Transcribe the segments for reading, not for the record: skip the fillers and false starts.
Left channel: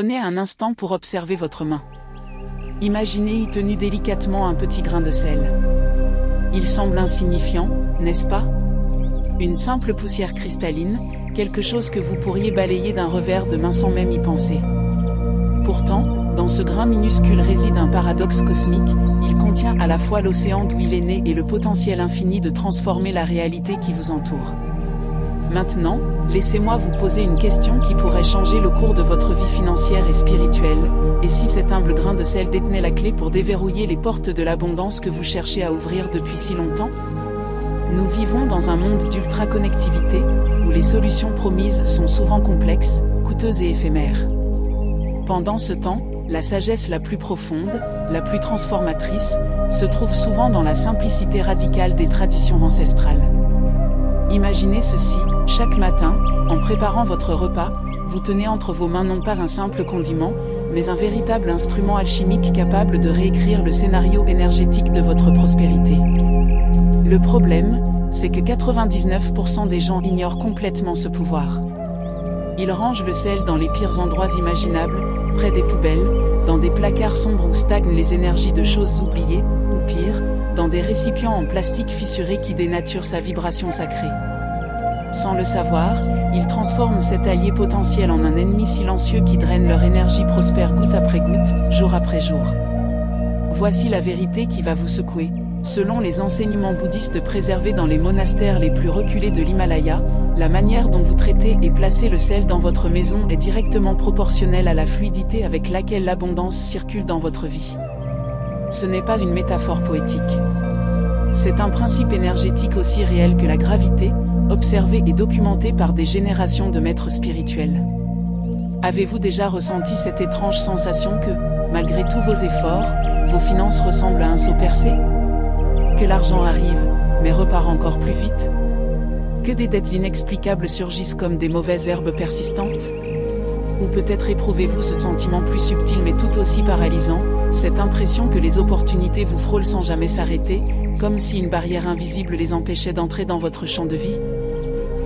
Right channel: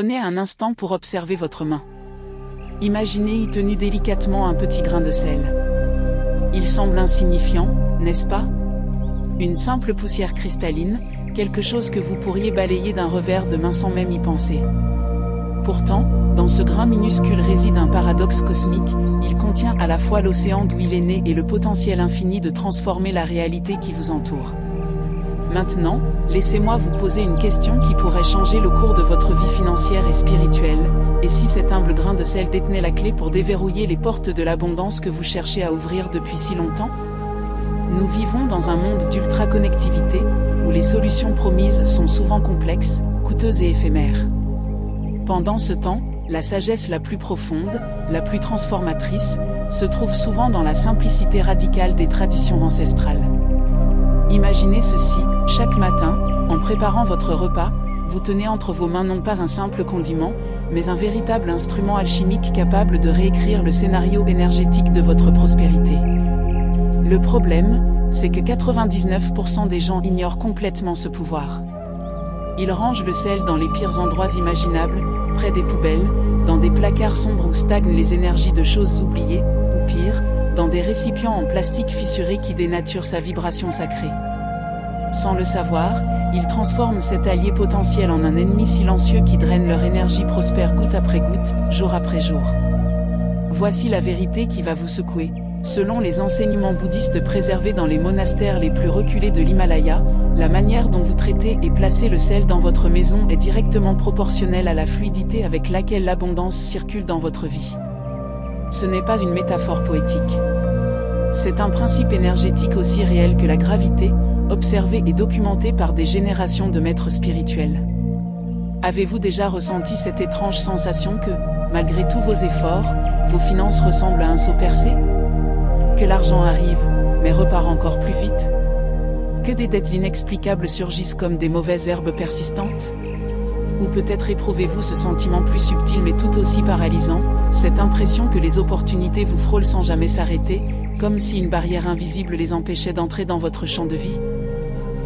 Prenez un instant pour observer votre main. Imaginez y tenu délicatement un petit grain de sel. Il semble insignifiant, n'est-ce pas? Une simple poussière cristalline, quelque chose que vous pourriez balayer d'un revers de main sans même y penser. Pourtant, dans ce grain minuscule réside un paradoxe cosmique, il contient à la fois l'océan d'où il est né et le potentiel infini de transformer la réalité qui vous entoure. Maintenant, laissez-moi vous poser une question qui pourrait changer le cours de votre vie financière et spirituelle. Et si cet humble grain de sel détenait la clé pour déverrouiller les portes de l'abondance que vous cherchez à ouvrir depuis si longtemps? Nous vivons dans un monde d'ultra-connectivité, où les solutions promises sont souvent complexes, coûteuses et éphémères. Pendant ce temps, la sagesse la plus profonde, la plus transformatrice, se trouve souvent dans la simplicité radicale des traditions ancestrales. Imaginez ceci, chaque matin, en préparant votre repas, vous tenez entre vos mains non pas un simple condiment, mais un véritable instrument alchimique capable de réécrire le scénario énergétique de votre prospérité. Le problème, c'est que 99% des gens ignorent complètement ce pouvoir. Ils rangent le sel dans les pires endroits imaginables, près des poubelles, dans des placards sombres où stagnent les énergies de choses oubliées, ou pire, dans des récipients en plastique fissurés qui dénaturent sa vibration sacrée. Sans le savoir, ils transforment cet allié potentiel en un ennemi silencieux qui draine leur énergie prospère goutte après goutte, jour après jour. Voici la vérité qui va vous secouer. Selon les enseignements bouddhistes préservés dans les monastères les plus reculés de l'Himalaya, la manière dont vous traitez et placez le sel dans votre maison est directement proportionnelle à la fluidité avec laquelle l'abondance circule dans votre vie. Ce n'est pas une métaphore poétique. C'est un principe énergétique aussi réel que la gravité, observé et documenté par des générations de maîtres spirituels. Avez-vous déjà ressenti cette étrange sensation que, malgré tous vos efforts, vos finances ressemblent à un seau percé? Que l'argent arrive, mais repart encore plus vite? Que des dettes inexplicables surgissent comme des mauvaises herbes persistantes? Ou peut-être éprouvez-vous ce sentiment plus subtil mais tout aussi paralysant, cette impression que les opportunités vous frôlent sans jamais s'arrêter, comme si une barrière invisible les empêchait d'entrer dans votre champ de vie?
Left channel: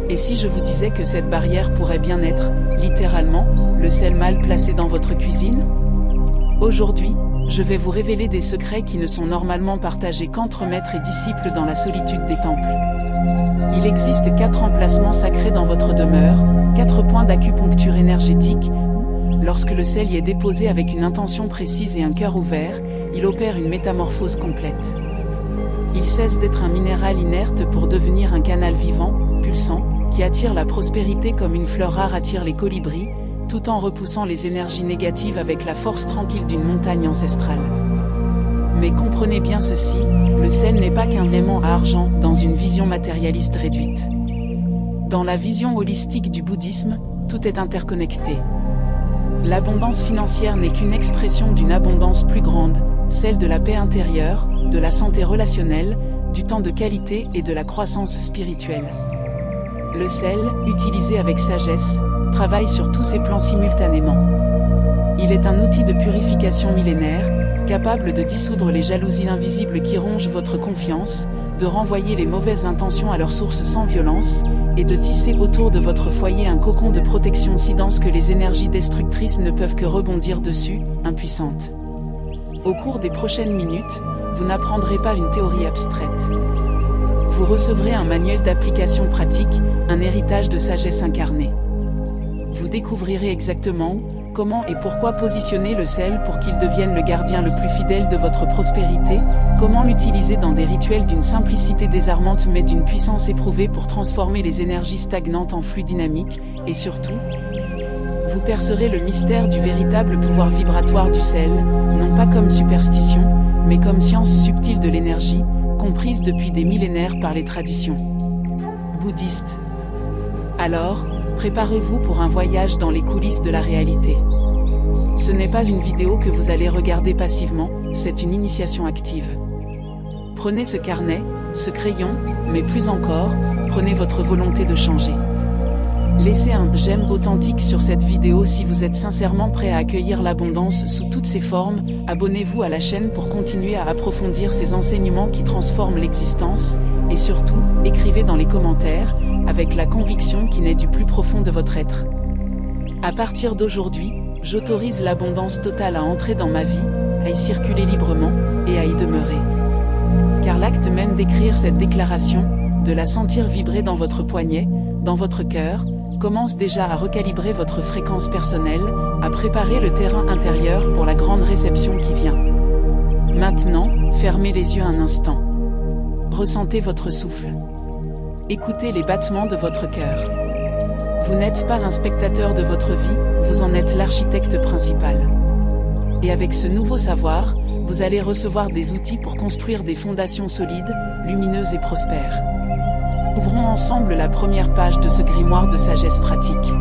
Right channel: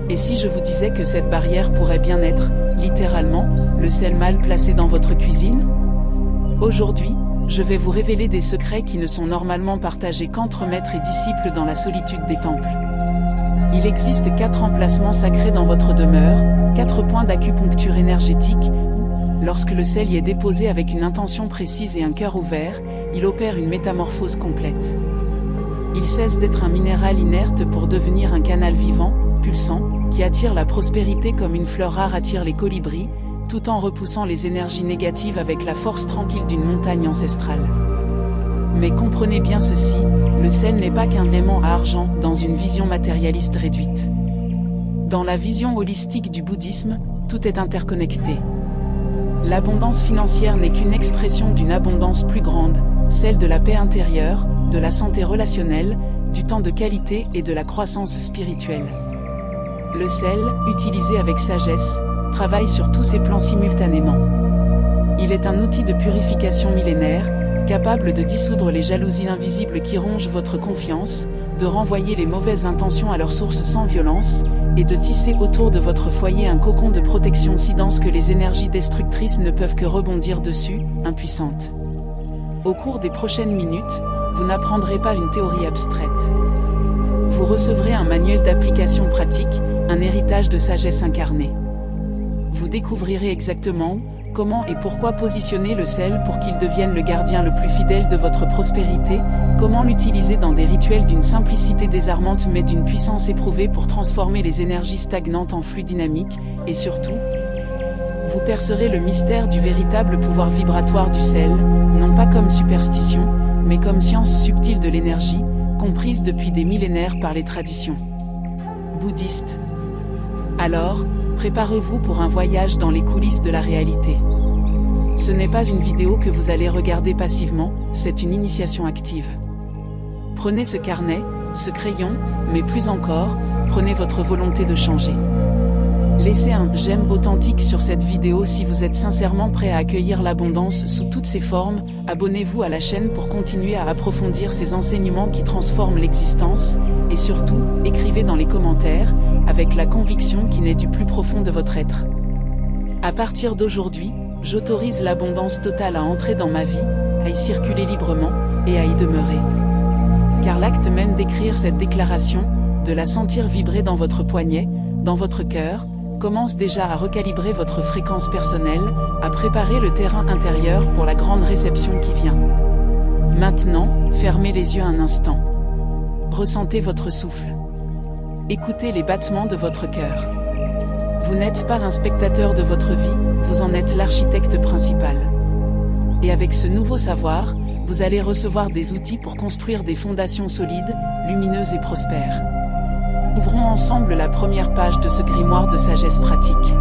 Et si je vous disais que cette barrière pourrait bien être, littéralement, le sel mal placé dans votre cuisine? Aujourd'hui, je vais vous révéler des secrets qui ne sont normalement partagés qu'entre maîtres et disciples dans la solitude des temples. Il existe 4 emplacements sacrés dans votre demeure, 4 points d'acupuncture énergétique, où, lorsque le sel y est déposé avec une intention précise et un cœur ouvert, il opère une métamorphose complète. Il cesse d'être un minéral inerte pour devenir un canal vivant, pulsant, qui attire la prospérité comme une fleur rare attire les colibris, tout en repoussant les énergies négatives avec la force tranquille d'une montagne ancestrale. Mais comprenez bien ceci, le sel n'est pas qu'un aimant à argent dans une vision matérialiste réduite. Dans la vision holistique du bouddhisme, tout est interconnecté. L'abondance financière n'est qu'une expression d'une abondance plus grande, celle de la paix intérieure, de la santé relationnelle, du temps de qualité et de la croissance spirituelle. Le sel, utilisé avec sagesse, travaille sur tous ces plans simultanément. Il est un outil de purification millénaire, capable de dissoudre les jalousies invisibles qui rongent votre confiance, de renvoyer les mauvaises intentions à leur source sans violence, et de tisser autour de votre foyer un cocon de protection si dense que les énergies destructrices ne peuvent que rebondir dessus, impuissantes. Au cours des prochaines minutes, vous n'apprendrez pas une théorie abstraite. Vous recevrez un manuel d'application pratique, un héritage de sagesse incarnée. Vous découvrirez exactement où, comment et pourquoi positionner le sel pour qu'il devienne le gardien le plus fidèle de votre prospérité, comment l'utiliser dans des rituels d'une simplicité désarmante mais d'une puissance éprouvée pour transformer les énergies stagnantes en flux dynamiques, et surtout, vous percerez le mystère du véritable pouvoir vibratoire du sel, non pas comme superstition, mais comme science subtile de l'énergie, comprise depuis des millénaires par les traditions bouddhistes. Alors, préparez-vous pour un voyage dans les coulisses de la réalité. Ce n'est pas une vidéo que vous allez regarder passivement, c'est une initiation active. Prenez ce carnet, ce crayon, mais plus encore, prenez votre volonté de changer. Laissez un « j'aime » authentique sur cette vidéo si vous êtes sincèrement prêt à accueillir l'abondance sous toutes ses formes. Abonnez-vous à la chaîne pour continuer à approfondir ces enseignements qui transforment l'existence, et surtout, écrivez dans les commentaires, avec la conviction qui naît du plus profond de votre être. À partir d'aujourd'hui, j'autorise l'abondance totale à entrer dans ma vie, à y circuler librement, et à y demeurer. Car l'acte même d'écrire cette déclaration, de la sentir vibrer dans votre poignet, dans votre cœur, commence déjà à recalibrer votre fréquence personnelle, à préparer le terrain intérieur pour la grande réception qui vient. Maintenant, fermez les yeux un instant. Ressentez votre souffle. Écoutez les battements de votre cœur. Vous n'êtes pas un spectateur de votre vie, vous en êtes l'architecte principal. Et avec ce nouveau savoir, vous allez recevoir des outils pour construire des fondations solides, lumineuses et prospères. Ouvrons ensemble la première page de ce grimoire de sagesse pratique.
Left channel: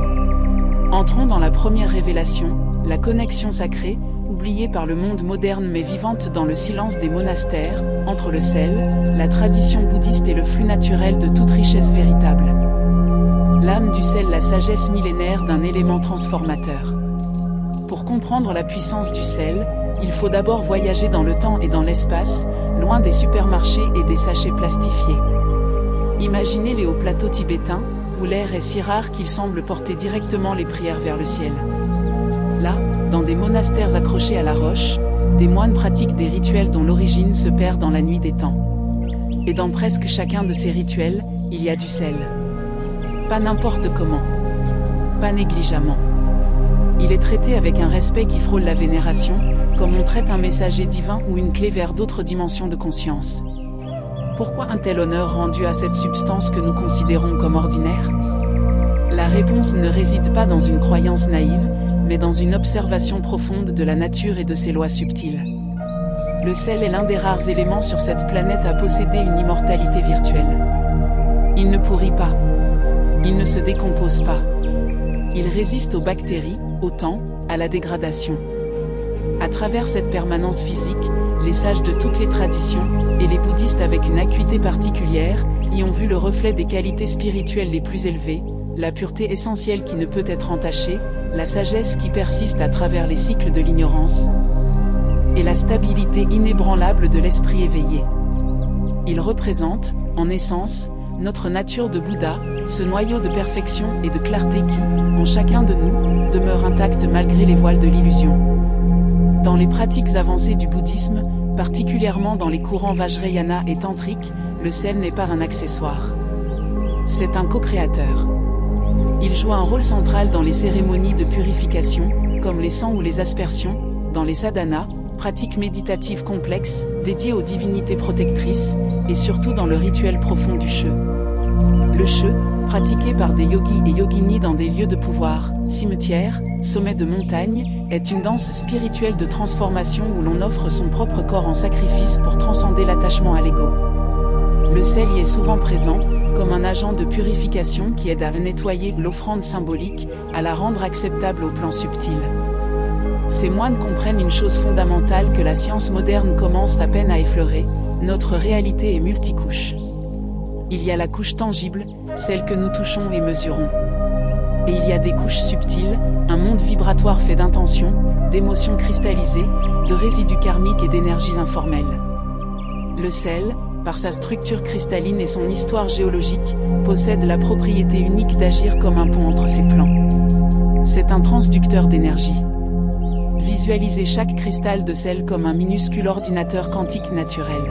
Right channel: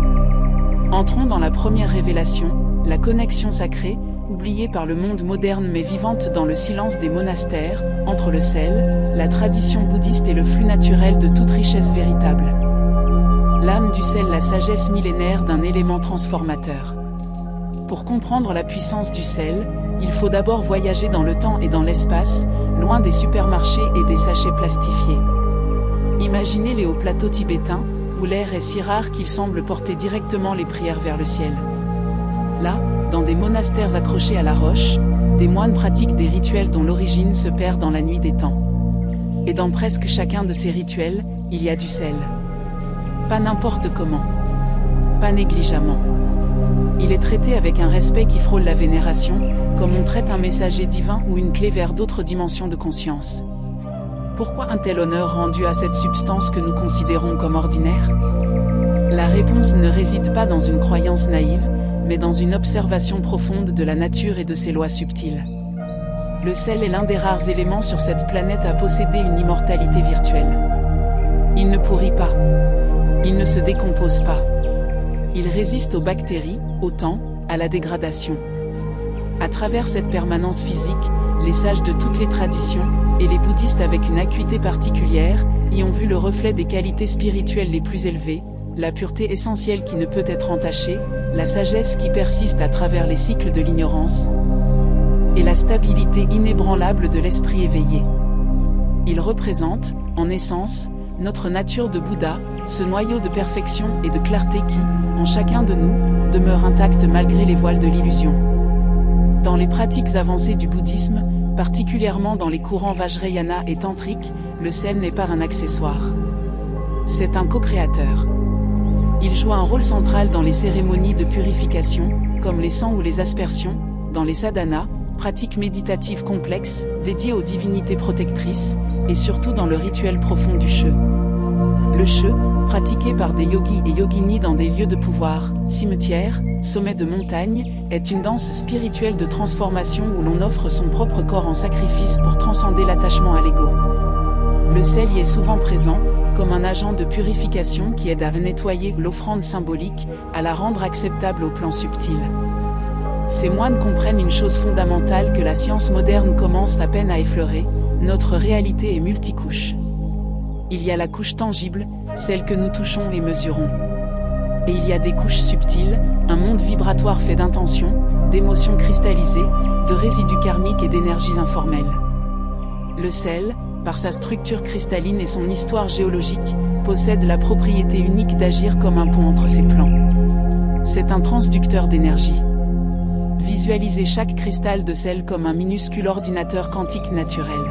Entrons dans la première révélation, la connexion sacrée, oubliée par le monde moderne mais vivante dans le silence des monastères, entre le sel, la tradition bouddhiste et le flux naturel de toute richesse véritable. L'âme du sel, la sagesse millénaire d'un élément transformateur. Pour comprendre la puissance du sel, il faut d'abord voyager dans le temps et dans l'espace, loin des supermarchés et des sachets plastifiés. Imaginez les hauts plateaux tibétains, où l'air est si rare qu'il semble porter directement les prières vers le ciel. Là, dans des monastères accrochés à la roche, des moines pratiquent des rituels dont l'origine se perd dans la nuit des temps. Et dans presque chacun de ces rituels, il y a du sel. Pas n'importe comment. Pas négligemment. Il est traité avec un respect qui frôle la vénération, comme on traite un messager divin ou une clé vers d'autres dimensions de conscience. Pourquoi un tel honneur rendu à cette substance que nous considérons comme ordinaire? La réponse ne réside pas dans une croyance naïve, mais dans une observation profonde de la nature et de ses lois subtiles. Le sel est l'un des rares éléments sur cette planète à posséder une immortalité virtuelle. Il ne pourrit pas. Il ne se décompose pas. Il résiste aux bactéries, au temps, à la dégradation. À travers cette permanence physique, les sages de toutes les traditions, et les bouddhistes avec une acuité particulière, y ont vu le reflet des qualités spirituelles les plus élevées, la pureté essentielle qui ne peut être entachée, la sagesse qui persiste à travers les cycles de l'ignorance, et la stabilité inébranlable de l'esprit éveillé. Il représente, en essence, notre nature de Bouddha, ce noyau de perfection et de clarté qui, en chacun de nous, demeure intact malgré les voiles de l'illusion. Dans les pratiques avancées du bouddhisme, particulièrement dans les courants Vajrayana et tantriques, le sel n'est pas un accessoire. C'est un co-créateur. Il joue un rôle central dans les cérémonies de purification, comme les sangs ou les aspersions, dans les sadhanas, pratiques méditatives complexes, dédiées aux divinités protectrices, et surtout dans le rituel profond du Che. Le Che, pratiqué par des yogis et yoginis dans des lieux de pouvoir, cimetières, sommets de montagnes, est une danse spirituelle de transformation où l'on offre son propre corps en sacrifice pour transcender l'attachement à l'ego. Le sel y est souvent présent, comme un agent de purification qui aide à nettoyer l'offrande symbolique, à la rendre acceptable au plan subtil. Ces moines comprennent une chose fondamentale que la science moderne commence à peine à effleurer: notre réalité est multicouche. Il y a la couche tangible, celle que nous touchons et mesurons. Et il y a des couches subtiles, un monde vibratoire fait d'intentions, d'émotions cristallisées, de résidus karmiques et d'énergies informelles. Le sel, par sa structure cristalline et son histoire géologique, possède la propriété unique d'agir comme un pont entre ces plans. C'est un transducteur d'énergie. Visualisez chaque cristal de sel comme un minuscule ordinateur quantique naturel.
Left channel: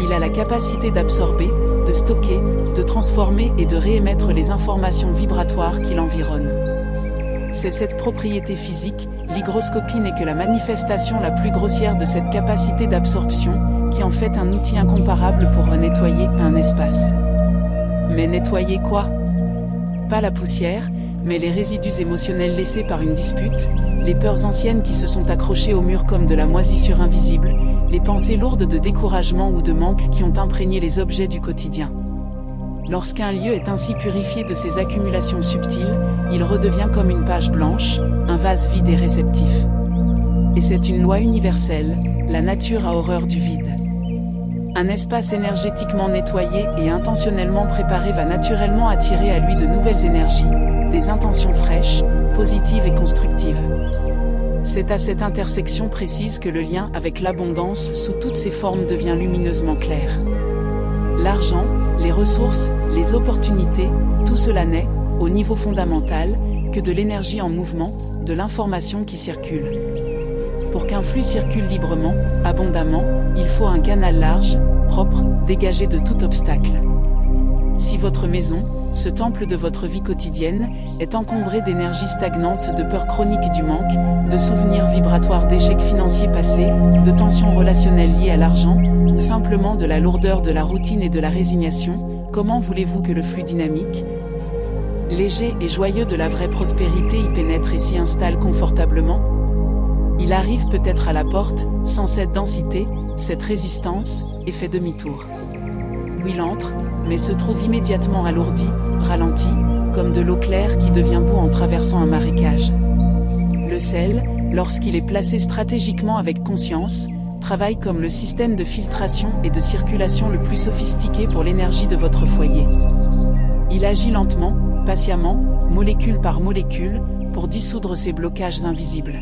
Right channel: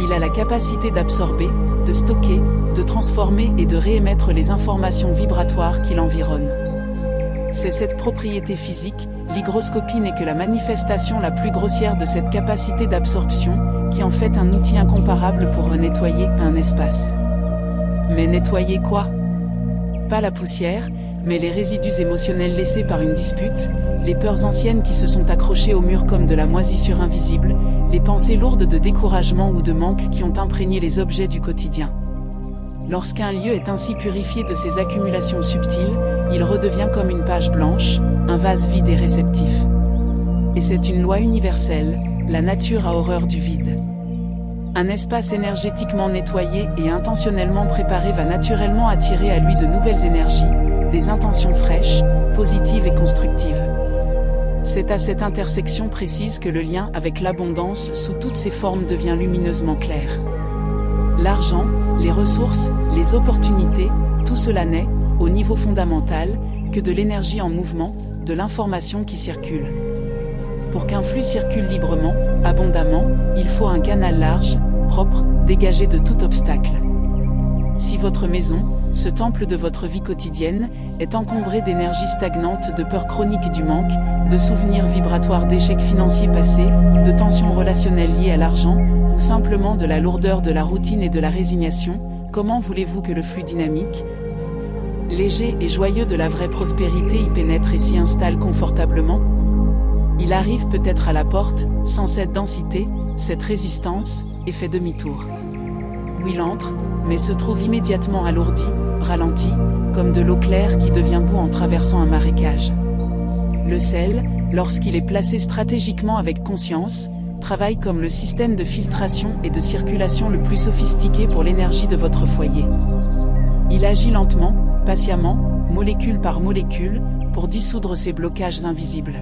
Il a la capacité d'absorber, de stocker, de transformer et de réémettre les informations vibratoires qui l'environnent. C'est cette propriété physique, l'hygroscopie n'est que la manifestation la plus grossière de cette capacité d'absorption, qui en fait un outil incomparable pour nettoyer un espace. Mais nettoyer quoi? Pas la poussière, mais les résidus émotionnels laissés par une dispute, les peurs anciennes qui se sont accrochées au mur comme de la moisissure invisible, les pensées lourdes de découragement ou de manque qui ont imprégné les objets du quotidien. Lorsqu'un lieu est ainsi purifié de ces accumulations subtiles, il redevient comme une page blanche, un vase vide et réceptif. Et c'est une loi universelle, la nature a horreur du vide. Un espace énergétiquement nettoyé et intentionnellement préparé va naturellement attirer à lui de nouvelles énergies, des intentions fraîches, positives et constructives. C'est à cette intersection précise que le lien avec l'abondance sous toutes ses formes devient lumineusement clair. L'argent, les ressources, les opportunités, tout cela n'est, au niveau fondamental, que de l'énergie en mouvement, de l'information qui circule. Pour qu'un flux circule librement, abondamment, il faut un canal large, propre, dégagé de tout obstacle. Si votre maison, ce temple de votre vie quotidienne, est encombré d'énergie stagnante, de peur chronique du manque, de souvenirs vibratoires d'échecs financiers passés, de tensions relationnelles liées à l'argent, ou simplement de la lourdeur de la routine et de la résignation, comment voulez-vous que le flux dynamique, léger et joyeux de la vraie prospérité y pénètre et s'y installe confortablement? Il arrive peut-être à la porte, sans cette densité, cette résistance, et fait demi-tour. Où il entre, mais se trouve immédiatement alourdi, ralenti, comme de l'eau claire qui devient boue en traversant un marécage. Le sel, lorsqu'il est placé stratégiquement avec conscience, travaille comme le système de filtration et de circulation le plus sophistiqué pour l'énergie de votre foyer. Il agit lentement, patiemment, molécule par molécule, pour dissoudre ces blocages invisibles.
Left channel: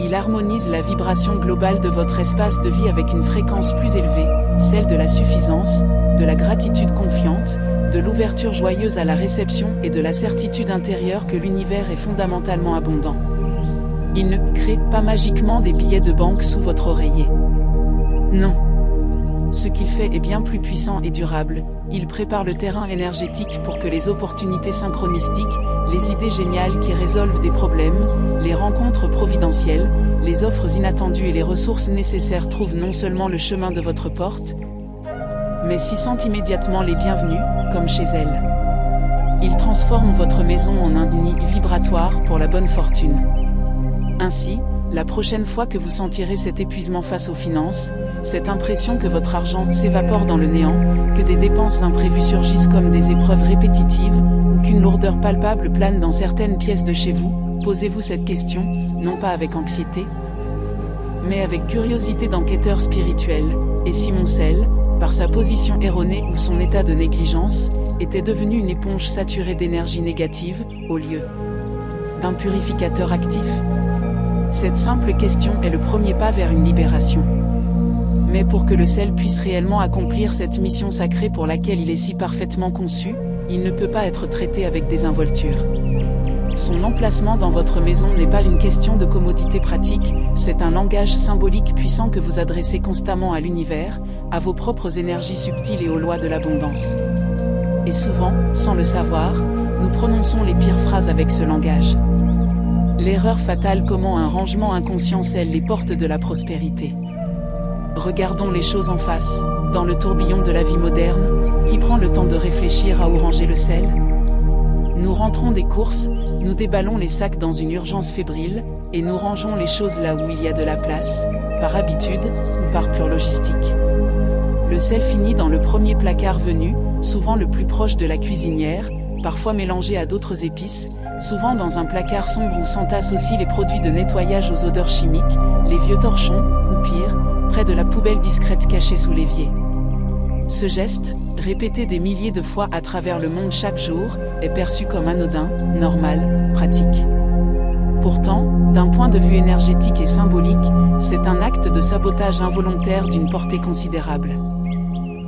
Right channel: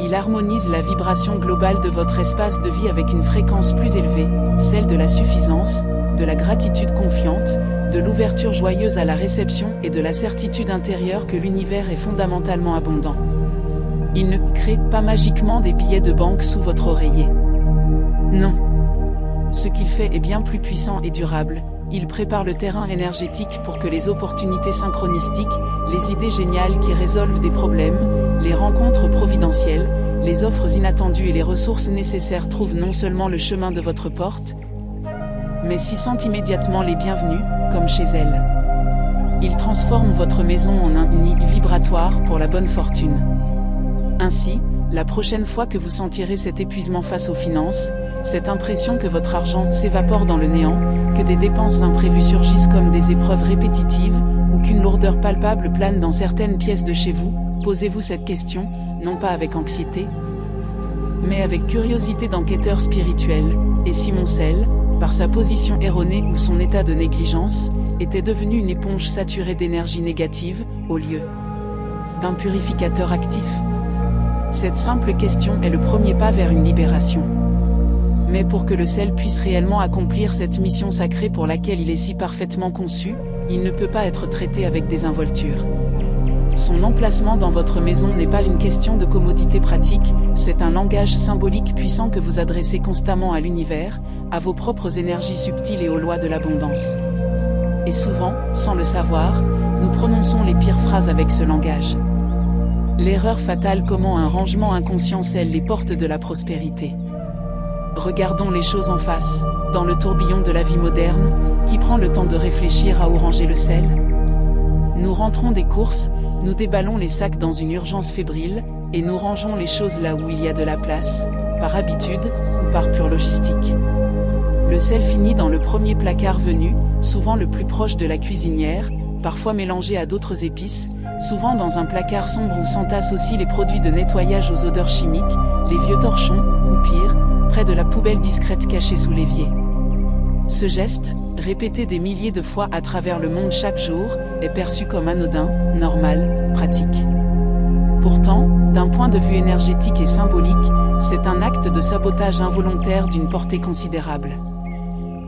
Il harmonise la vibration globale de votre espace de vie avec une fréquence plus élevée, celle de la suffisance, de la gratitude confiante, de l'ouverture joyeuse à la réception et de la certitude intérieure que l'univers est fondamentalement abondant. Il ne crée pas magiquement des billets de banque sous votre oreiller. Non. Ce qu'il fait est bien plus puissant et durable. Il prépare le terrain énergétique pour que les opportunités synchronistiques, les idées géniales qui résolvent des problèmes, les rencontres providentielles, les offres inattendues et les ressources nécessaires trouvent non seulement le chemin de votre porte, mais s'y sentent immédiatement les bienvenus, comme chez elle. Il transforme votre maison en un nid vibratoire pour la bonne fortune. Ainsi, la prochaine fois que vous sentirez cet épuisement face aux finances, cette impression que votre argent s'évapore dans le néant, que des dépenses imprévues surgissent comme des épreuves répétitives, ou qu'une lourdeur palpable plane dans certaines pièces de chez vous, posez-vous cette question, non pas avec anxiété, mais avec curiosité d'enquêteur spirituel. Et si mon sel, par sa position erronée ou son état de négligence, était devenu une éponge saturée d'énergie négative, au lieu d'un purificateur actif? Cette simple question est le premier pas vers une libération. Mais pour que le sel puisse réellement accomplir cette mission sacrée pour laquelle il est si parfaitement conçu, il ne peut pas être traité avec désinvolture. Son emplacement dans votre maison n'est pas une question de commodité pratique, c'est un langage symbolique puissant que vous adressez constamment à l'univers, à vos propres énergies subtiles et aux lois de l'abondance. Et souvent, sans le savoir, nous prononçons les pires phrases avec ce langage. L'erreur fatale, comment un rangement inconscient scelle les portes de la prospérité. Regardons les choses en face, dans le tourbillon de la vie moderne, qui prend le temps de réfléchir à où ranger le sel? Nous rentrons des courses, nous déballons les sacs dans une urgence fébrile, et nous rangeons les choses là où il y a de la place, par habitude, ou par pure logistique. Le sel finit dans le premier placard venu, souvent le plus proche de la cuisinière, parfois mélangé à d'autres épices, souvent dans un placard sombre où s'entassent aussi les produits de nettoyage aux odeurs chimiques, les vieux torchons, ou pire, près de la poubelle discrète cachée sous l'évier. Ce geste, répété des milliers de fois à travers le monde chaque jour, est perçu comme anodin, normal, pratique. Pourtant, d'un point de vue énergétique et symbolique, c'est un acte de sabotage involontaire d'une portée considérable.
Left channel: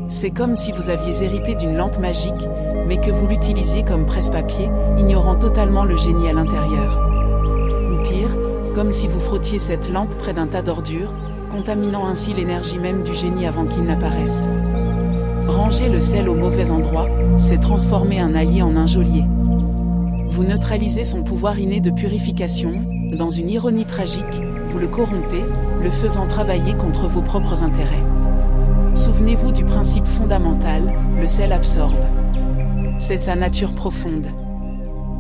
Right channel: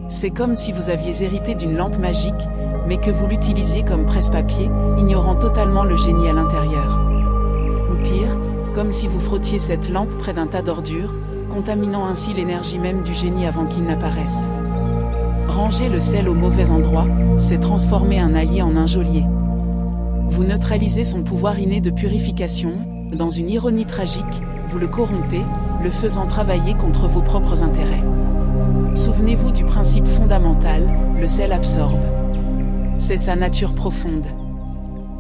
C'est comme si vous aviez hérité d'une lampe magique, mais que vous l'utilisiez comme presse-papier, ignorant totalement le génie à l'intérieur. Ou pire, comme si vous frottiez cette lampe près d'un tas d'ordures, contaminant ainsi l'énergie même du génie avant qu'il n'apparaisse. Ranger le sel au mauvais endroit, c'est transformer un allié en un geôlier. Vous neutralisez son pouvoir inné de purification, dans une ironie tragique, vous le corrompez, le faisant travailler contre vos propres intérêts. Souvenez-vous du principe fondamental, le sel absorbe. C'est sa nature profonde.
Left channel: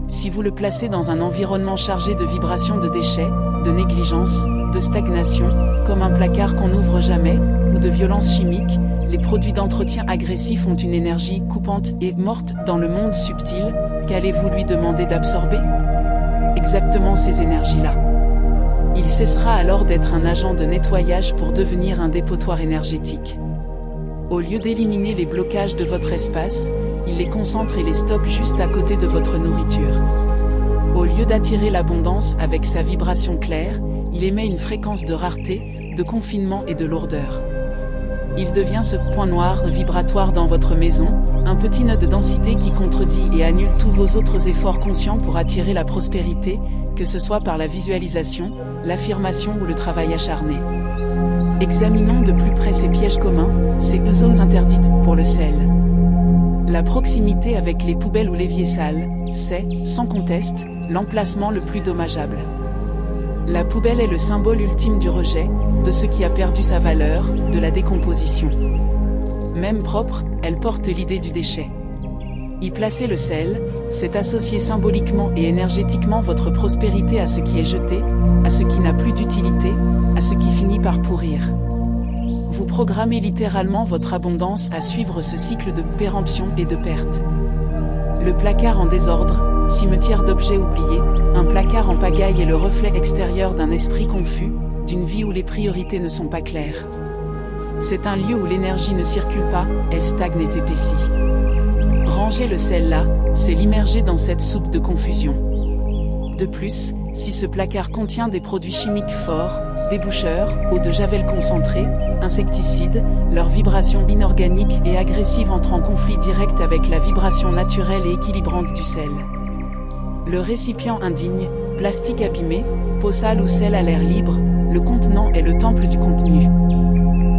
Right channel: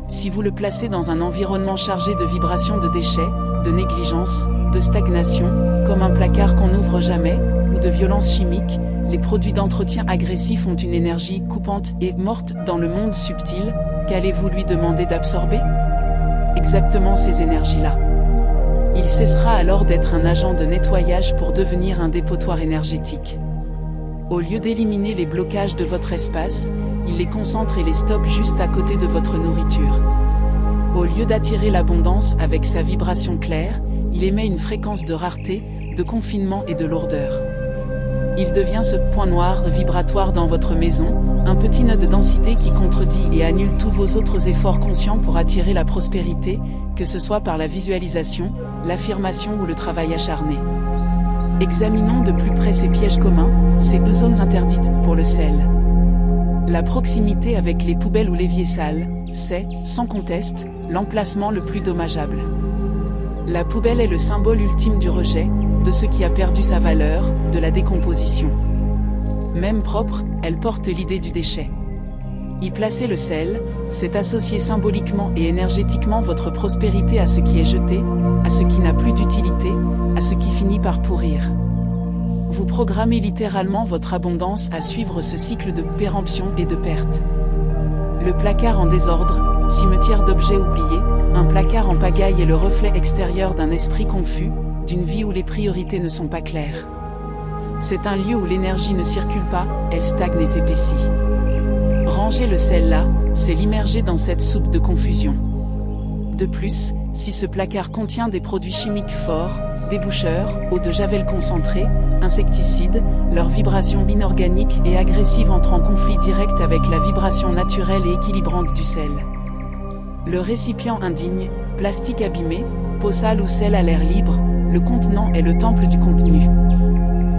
Si vous le placez dans un environnement chargé de vibrations de déchets, de négligence, de stagnation, comme un placard qu'on n'ouvre jamais, ou de violences chimiques, les produits d'entretien agressifs ont une énergie coupante et morte dans le monde subtil, qu'allez-vous lui demander d'absorber? Exactement ces énergies-là. Il cessera alors d'être un agent de nettoyage pour devenir un dépotoir énergétique. Au lieu d'éliminer les blocages de votre espace, il les concentre et les stocke juste à côté de votre nourriture. Au lieu d'attirer l'abondance avec sa vibration claire, il émet une fréquence de rareté, de confinement et de lourdeur. Il devient ce point noir vibratoire dans votre maison, un petit nœud de densité qui contredit et annule tous vos autres efforts conscients pour attirer la prospérité, que ce soit par la visualisation, l'affirmation ou le travail acharné. Examinons de plus près ces pièges communs, ces zones interdites pour le sel. La proximité avec les poubelles ou l'évier sale, c'est, sans conteste, l'emplacement le plus dommageable. La poubelle est le symbole ultime du rejet, de ce qui a perdu sa valeur, de la décomposition. Même propre, elle porte l'idée du déchet. Y placer le sel, c'est associer symboliquement et énergétiquement votre prospérité à ce qui est jeté, à ce qui n'a plus d'utilité, à ce qui finit par pourrir. Vous programmez littéralement votre abondance à suivre ce cycle de péremption et de perte. Le placard en désordre, cimetière d'objets oubliés, un placard en pagaille est le reflet extérieur d'un esprit confus, d'une vie où les priorités ne sont pas claires. C'est un lieu où l'énergie ne circule pas, elle stagne et s'épaissit. Ranger le sel là, c'est l'immerger dans cette soupe de confusion. De plus, si ce placard contient des produits chimiques forts, déboucheurs, eau de javel concentrée, insecticides, leur vibration inorganique et agressive entre en conflit direct avec la vibration naturelle et équilibrante du sel. Le récipient indigne, plastique abîmé, peau sale ou sel à l'air libre, le contenant est le temple du contenu.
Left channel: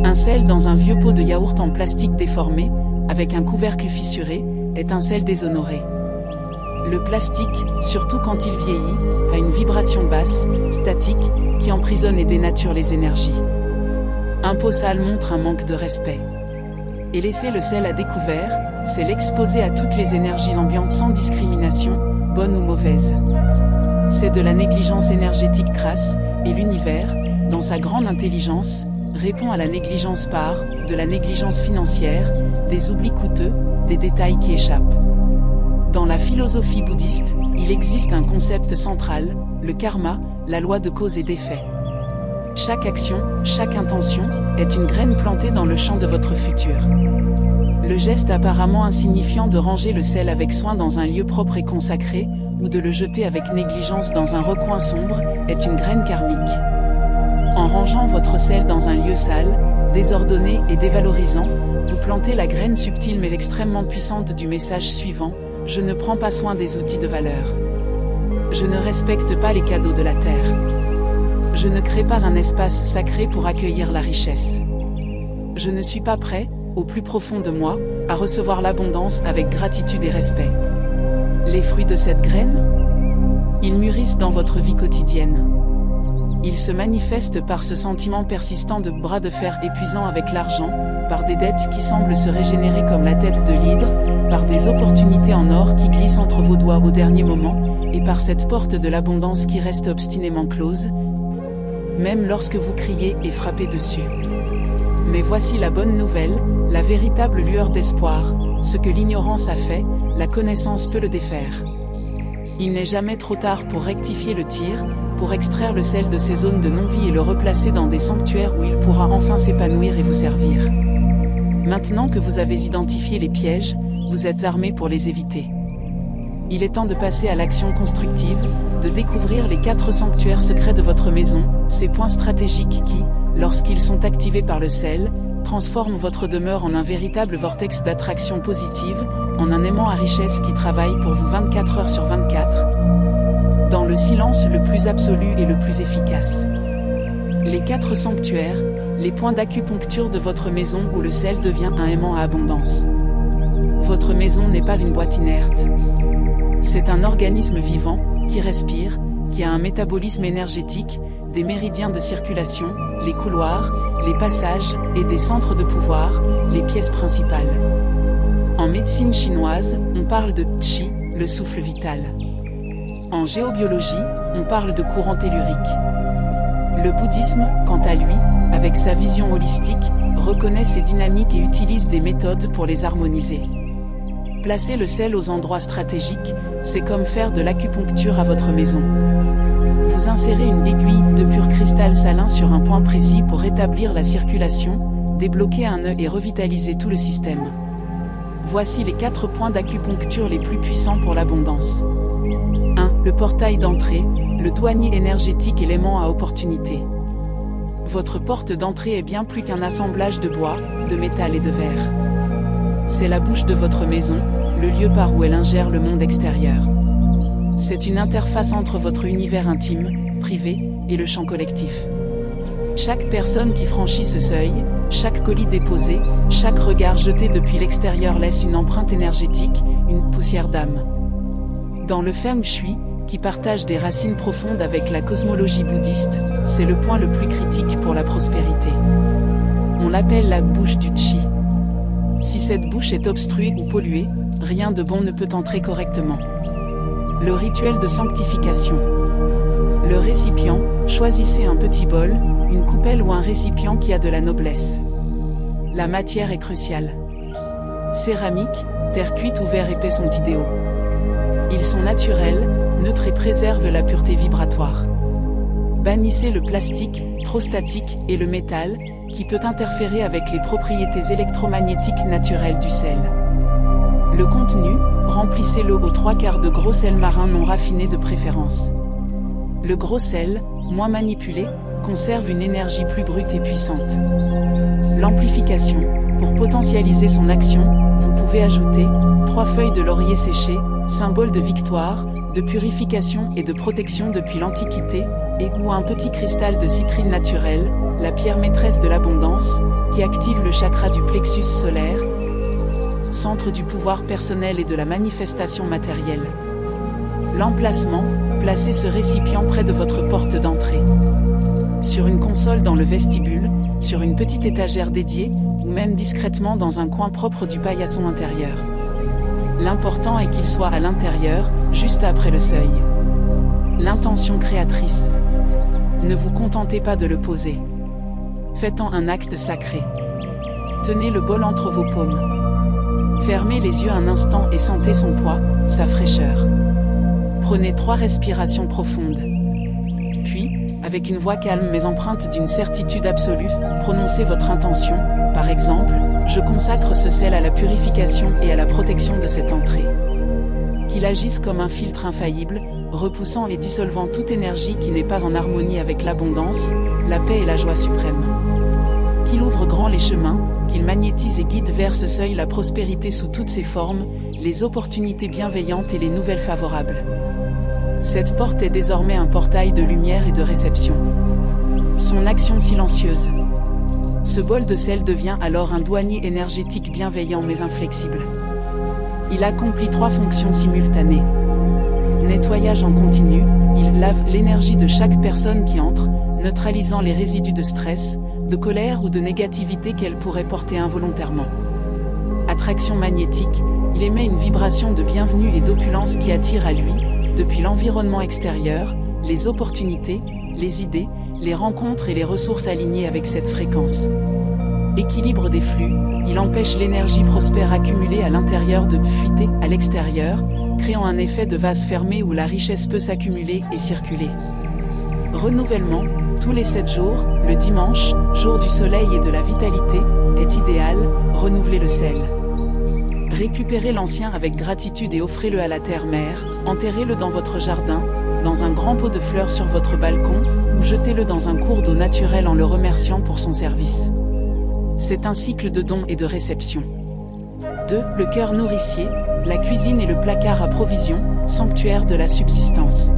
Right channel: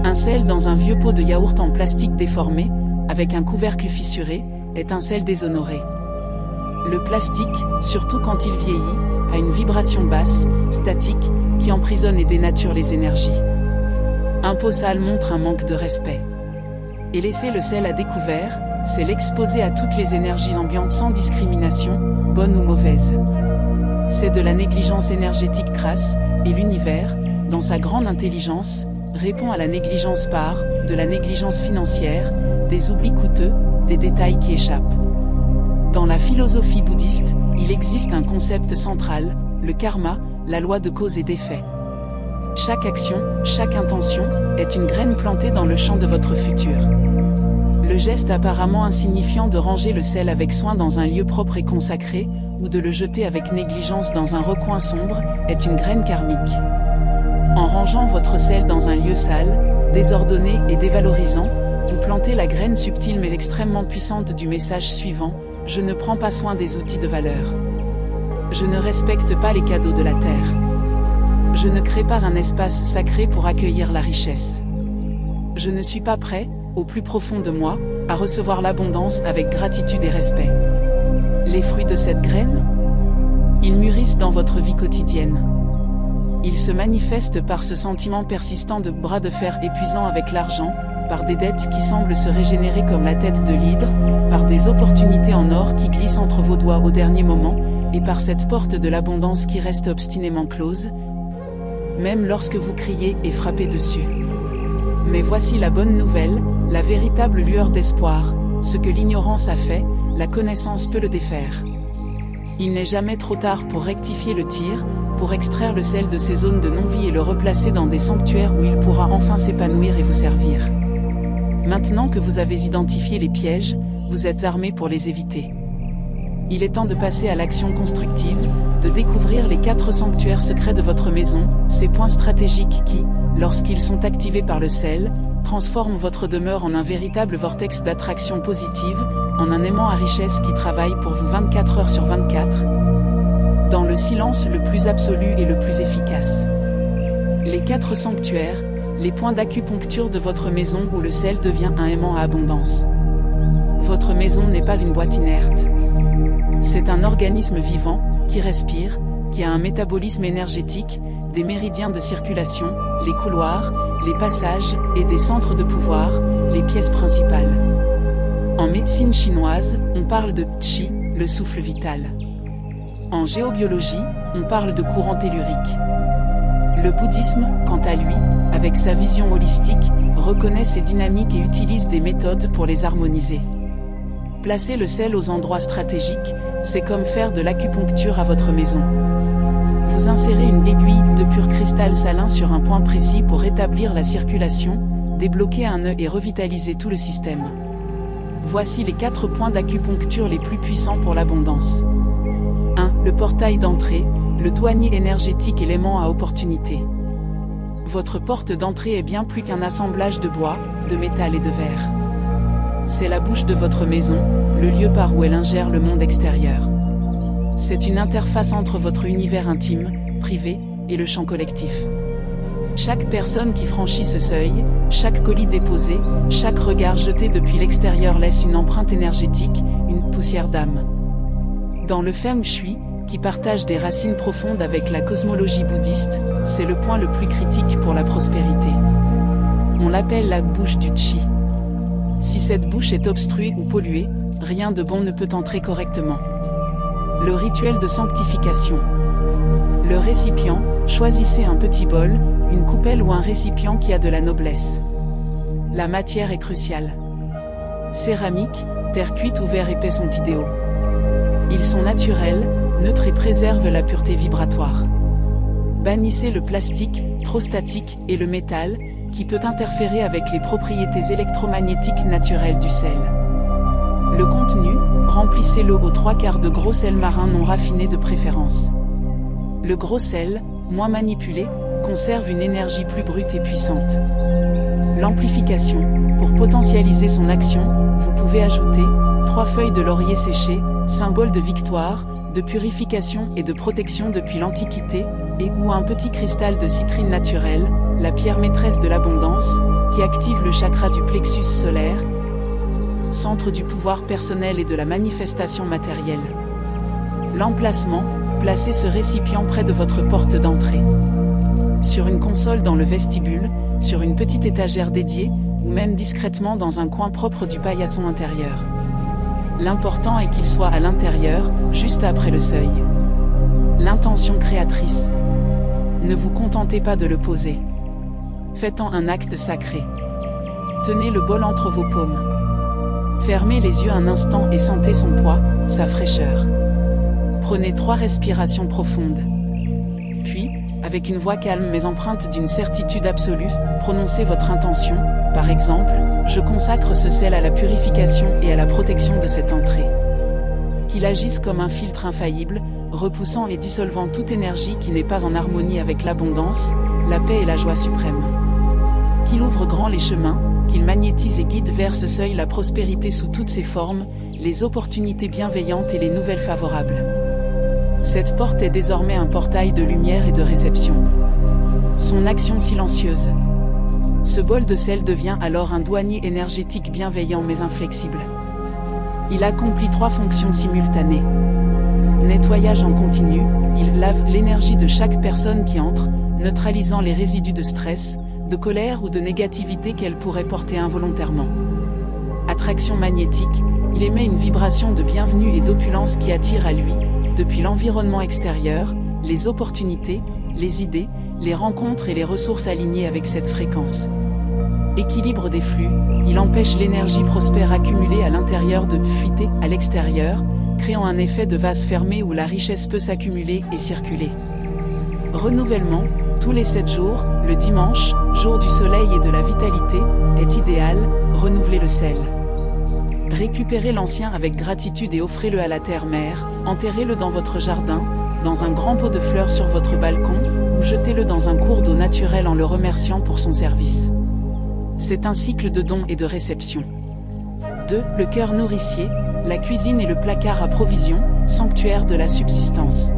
Un sel dans un vieux pot de yaourt en plastique déformé, avec un couvercle fissuré, est un sel déshonoré. Le plastique, surtout quand il vieillit, a une vibration basse, statique, qui emprisonne et dénature les énergies. Un pot sale montre un manque de respect. Et laisser le sel à découvert, c'est l'exposer à toutes les énergies ambiantes sans discrimination, bonnes ou mauvaises. C'est de la négligence énergétique crasse, et l'univers, dans sa grande intelligence, répond à la négligence par de la négligence financière, des oublis coûteux, des détails qui échappent. Dans la philosophie bouddhiste, il existe un concept central, le karma, la loi de cause et d'effet. Chaque action, chaque intention, est une graine plantée dans le champ de votre futur. Le geste apparemment insignifiant de ranger le sel avec soin dans un lieu propre et consacré, ou de le jeter avec négligence dans un recoin sombre, est une graine karmique. En rangeant votre sel dans un lieu sale, désordonné et dévalorisant, vous plantez la graine subtile mais extrêmement puissante du message suivant: je ne prends pas soin des outils de valeur. Je ne respecte pas les cadeaux de la terre. Je ne crée pas un espace sacré pour accueillir la richesse. Je ne suis pas prêt, au plus profond de moi, à recevoir l'abondance avec gratitude et respect. Les fruits de cette graine? Ils mûrissent dans votre vie quotidienne. Ils se manifestent par ce sentiment persistant de bras de fer épuisant avec l'argent, par des dettes qui semblent se régénérer comme la tête de l'hydre, par des opportunités en or qui glissent entre vos doigts au dernier moment, et par cette porte de l'abondance qui reste obstinément close, même lorsque vous criez et frappez dessus. Mais voici la bonne nouvelle, la véritable lueur d'espoir: ce que l'ignorance a fait, la connaissance peut le défaire. Il n'est jamais trop tard pour rectifier le tir, pour extraire le sel de ces zones de non-vie et le replacer dans des sanctuaires où il pourra enfin s'épanouir et vous servir. Maintenant que vous avez identifié les pièges, vous êtes armé pour les éviter. Il est temps de passer à l'action constructive, de découvrir les 4 sanctuaires secrets de votre maison, ces points stratégiques qui, lorsqu'ils sont activés par le sel, transforment votre demeure en un véritable vortex d'attraction positive, en un aimant à richesse qui travaille pour vous 24 heures sur 24, dans le silence le plus absolu et le plus efficace. Les 4 sanctuaires, les points d'acupuncture de votre maison où le sel devient un aimant à abondance. Votre maison n'est pas une boîte inerte. C'est un organisme vivant, qui respire, qui a un métabolisme énergétique, des méridiens de circulation, les couloirs, les passages, et des centres de pouvoir, les pièces principales. En médecine chinoise, on parle de qi, le souffle vital. En géobiologie, on parle de courant tellurique. Le bouddhisme, quant à lui, avec sa vision holistique, reconnaît ces dynamiques et utilise des méthodes pour les harmoniser. Placer le sel aux endroits stratégiques, c'est comme faire de l'acupuncture à votre maison. Vous insérez une aiguille de pur cristal salin sur un point précis pour rétablir la circulation, débloquer un nœud et revitaliser tout le système. Voici les 4 points d'acupuncture les plus puissants pour l'abondance. 1. Le portail d'entrée, le douanier énergétique et l'aimant à opportunité. Votre porte d'entrée est bien plus qu'un assemblage de bois, de métal et de verre. C'est la bouche de votre maison, le lieu par où elle ingère le monde extérieur. C'est une interface entre votre univers intime, privé, et le champ collectif. Chaque personne qui franchit ce seuil, chaque colis déposé, chaque regard jeté depuis l'extérieur laisse une empreinte énergétique, une poussière d'âme. Dans le Feng Shui, qui partage des racines profondes avec la cosmologie bouddhiste, c'est le point le plus critique pour la prospérité. On l'appelle la bouche du Qi. Si cette bouche est obstruée ou polluée, rien de bon ne peut entrer correctement. Le rituel de sanctification. Le récipient, choisissez un petit bol, une coupelle ou un récipient qui a de la noblesse. La matière est cruciale. Céramique, terre cuite ou verre épais sont idéaux. Ils sont naturels, neutres et préservent la pureté vibratoire. Bannissez le plastique, trop statique, et le métal, qui peut interférer avec les propriétés électromagnétiques naturelles du sel. Le contenu, remplissez-le aux 3/4 de gros sel marin non raffiné de préférence. Le gros sel, moins manipulé, conserve une énergie plus brute et puissante. L'amplification, pour potentialiser son action, vous pouvez ajouter 3 feuilles de laurier séchées, symbole de victoire, de purification et de protection depuis l'Antiquité, et ou un petit cristal de citrine naturelle, la pierre maîtresse de l'abondance, qui active le chakra du plexus solaire, centre du pouvoir personnel et de la manifestation matérielle. L'emplacement, placez ce récipient près de votre porte d'entrée. Sur une console dans le vestibule, sur une petite étagère dédiée, ou même discrètement dans un coin propre du paillasson intérieur. L'important est qu'il soit à l'intérieur, juste après le seuil. L'intention créatrice. Ne vous contentez pas de le poser. Faites-en un acte sacré. Tenez le bol entre vos paumes. Fermez les yeux un instant et sentez son poids, sa fraîcheur. Prenez 3 respirations profondes. Puis, avec une voix calme mais empreinte d'une certitude absolue, prononcez votre intention, par exemple, je consacre ce sel à la purification et à la protection de cette entrée. Qu'il agisse comme un filtre infaillible, repoussant et dissolvant toute énergie qui n'est pas en harmonie avec l'abondance, la paix et la joie suprême. Qu'il ouvre grand les chemins, qu'il magnétise et guide vers ce seuil la prospérité sous toutes ses formes, les opportunités bienveillantes et les nouvelles favorables. Cette porte est désormais un portail de lumière et de réception. Son action silencieuse. Ce bol de sel devient alors un douanier énergétique bienveillant mais inflexible. Il accomplit 3 fonctions simultanées. Nettoyage en continu, il lave l'énergie de chaque personne qui entre, neutralisant les résidus de stress, de colère ou de négativité qu'elle pourrait porter involontairement. Attraction magnétique, il émet une vibration de bienvenue et d'opulence qui attire à lui, depuis l'environnement extérieur, les opportunités, les idées, les rencontres et les ressources alignées avec cette fréquence. Équilibre des flux, il empêche l'énergie prospère accumulée à l'intérieur de fuiter à l'extérieur, créant un effet de vase fermé où la richesse peut s'accumuler et circuler. Renouvellement, tous les 7 jours, le dimanche, jour du soleil et de la vitalité, est idéal, renouvelez le sel. Récupérez l'ancien avec gratitude et offrez-le à la terre-mère, enterrez-le dans votre jardin, dans un grand pot de fleurs sur votre balcon, ou jetez-le dans un cours d'eau naturel en le remerciant pour son service. C'est un cycle de dons et de réception. 2. Le cœur nourricier, la cuisine et le placard à provisions, sanctuaire de la subsistance.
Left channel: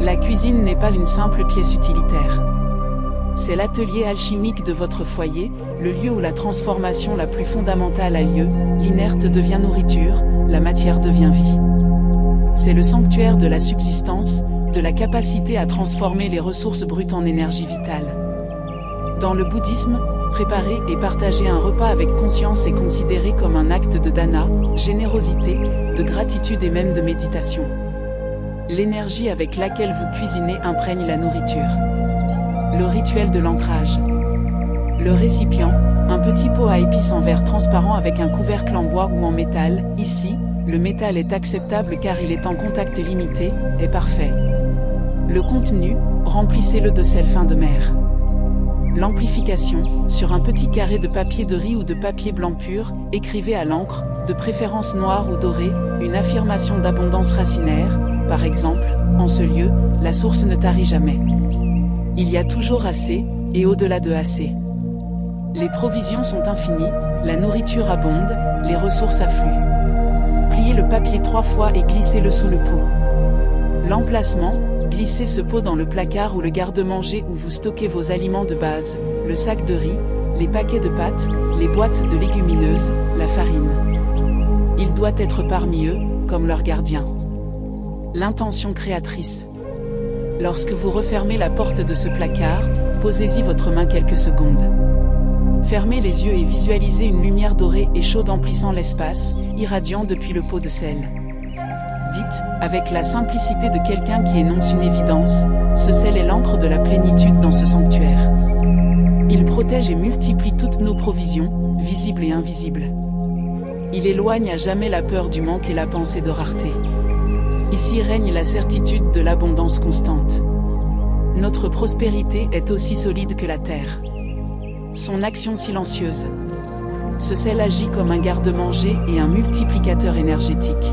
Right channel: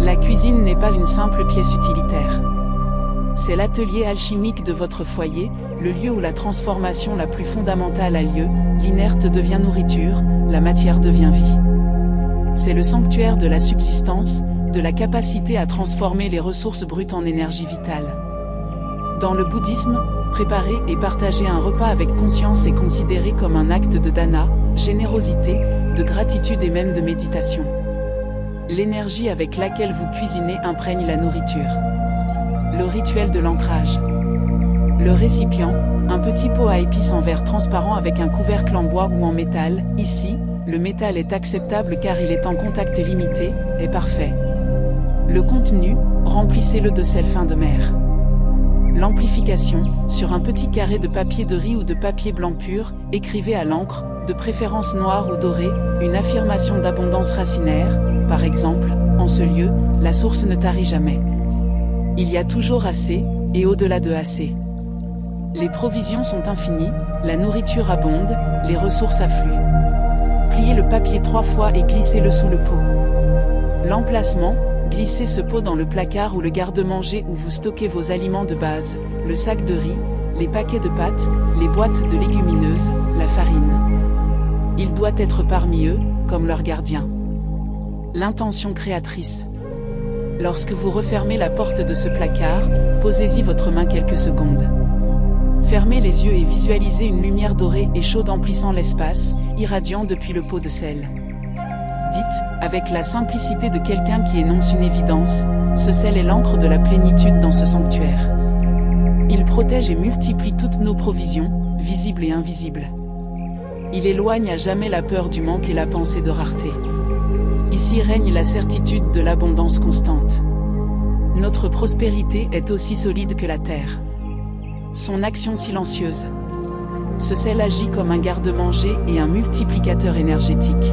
La cuisine n'est pas une simple pièce utilitaire. C'est l'atelier alchimique de votre foyer, le lieu où la transformation la plus fondamentale a lieu, l'inerte devient nourriture, la matière devient vie. C'est le sanctuaire de la subsistance, de la capacité à transformer les ressources brutes en énergie vitale. Dans le bouddhisme, préparer et partager un repas avec conscience est considéré comme un acte de dana, générosité, de gratitude et même de méditation. L'énergie avec laquelle vous cuisinez imprègne la nourriture. Le rituel de l'ancrage. Le récipient, un petit pot à épices en verre transparent avec un couvercle en bois ou en métal, ici, le métal est acceptable car il est en contact limité, est parfait. Le contenu, remplissez-le de sel fin de mer. L'amplification, sur un petit carré de papier de riz ou de papier blanc pur, écrivez à l'encre, de préférence noire ou dorée, une affirmation d'abondance racinaire, par exemple, en ce lieu, la source ne tarit jamais. Il y a toujours assez, et au-delà de assez. Les provisions sont infinies, la nourriture abonde, les ressources affluent. Pliez le papier 3 fois et glissez-le sous le pot. L'emplacement, glissez ce pot dans le placard ou le garde-manger où vous stockez vos aliments de base, le sac de riz, les paquets de pâtes, les boîtes de légumineuses, la farine. Il doit être parmi eux, comme leur gardien. L'intention créatrice. Lorsque vous refermez la porte de ce placard, posez-y votre main quelques secondes. Fermez les yeux et visualisez une lumière dorée et chaude emplissant l'espace, irradiant depuis le pot de sel. Dites, avec la simplicité de quelqu'un qui énonce une évidence, ce sel est l'encre de la plénitude dans ce sanctuaire. Il protège et multiplie toutes nos provisions, visibles et invisibles. Il éloigne à jamais la peur du manque et la pensée de rareté. Ici règne la certitude de l'abondance constante. Notre prospérité est aussi solide que la terre. Son action silencieuse. Ce sel agit comme un garde-manger et un multiplicateur énergétique.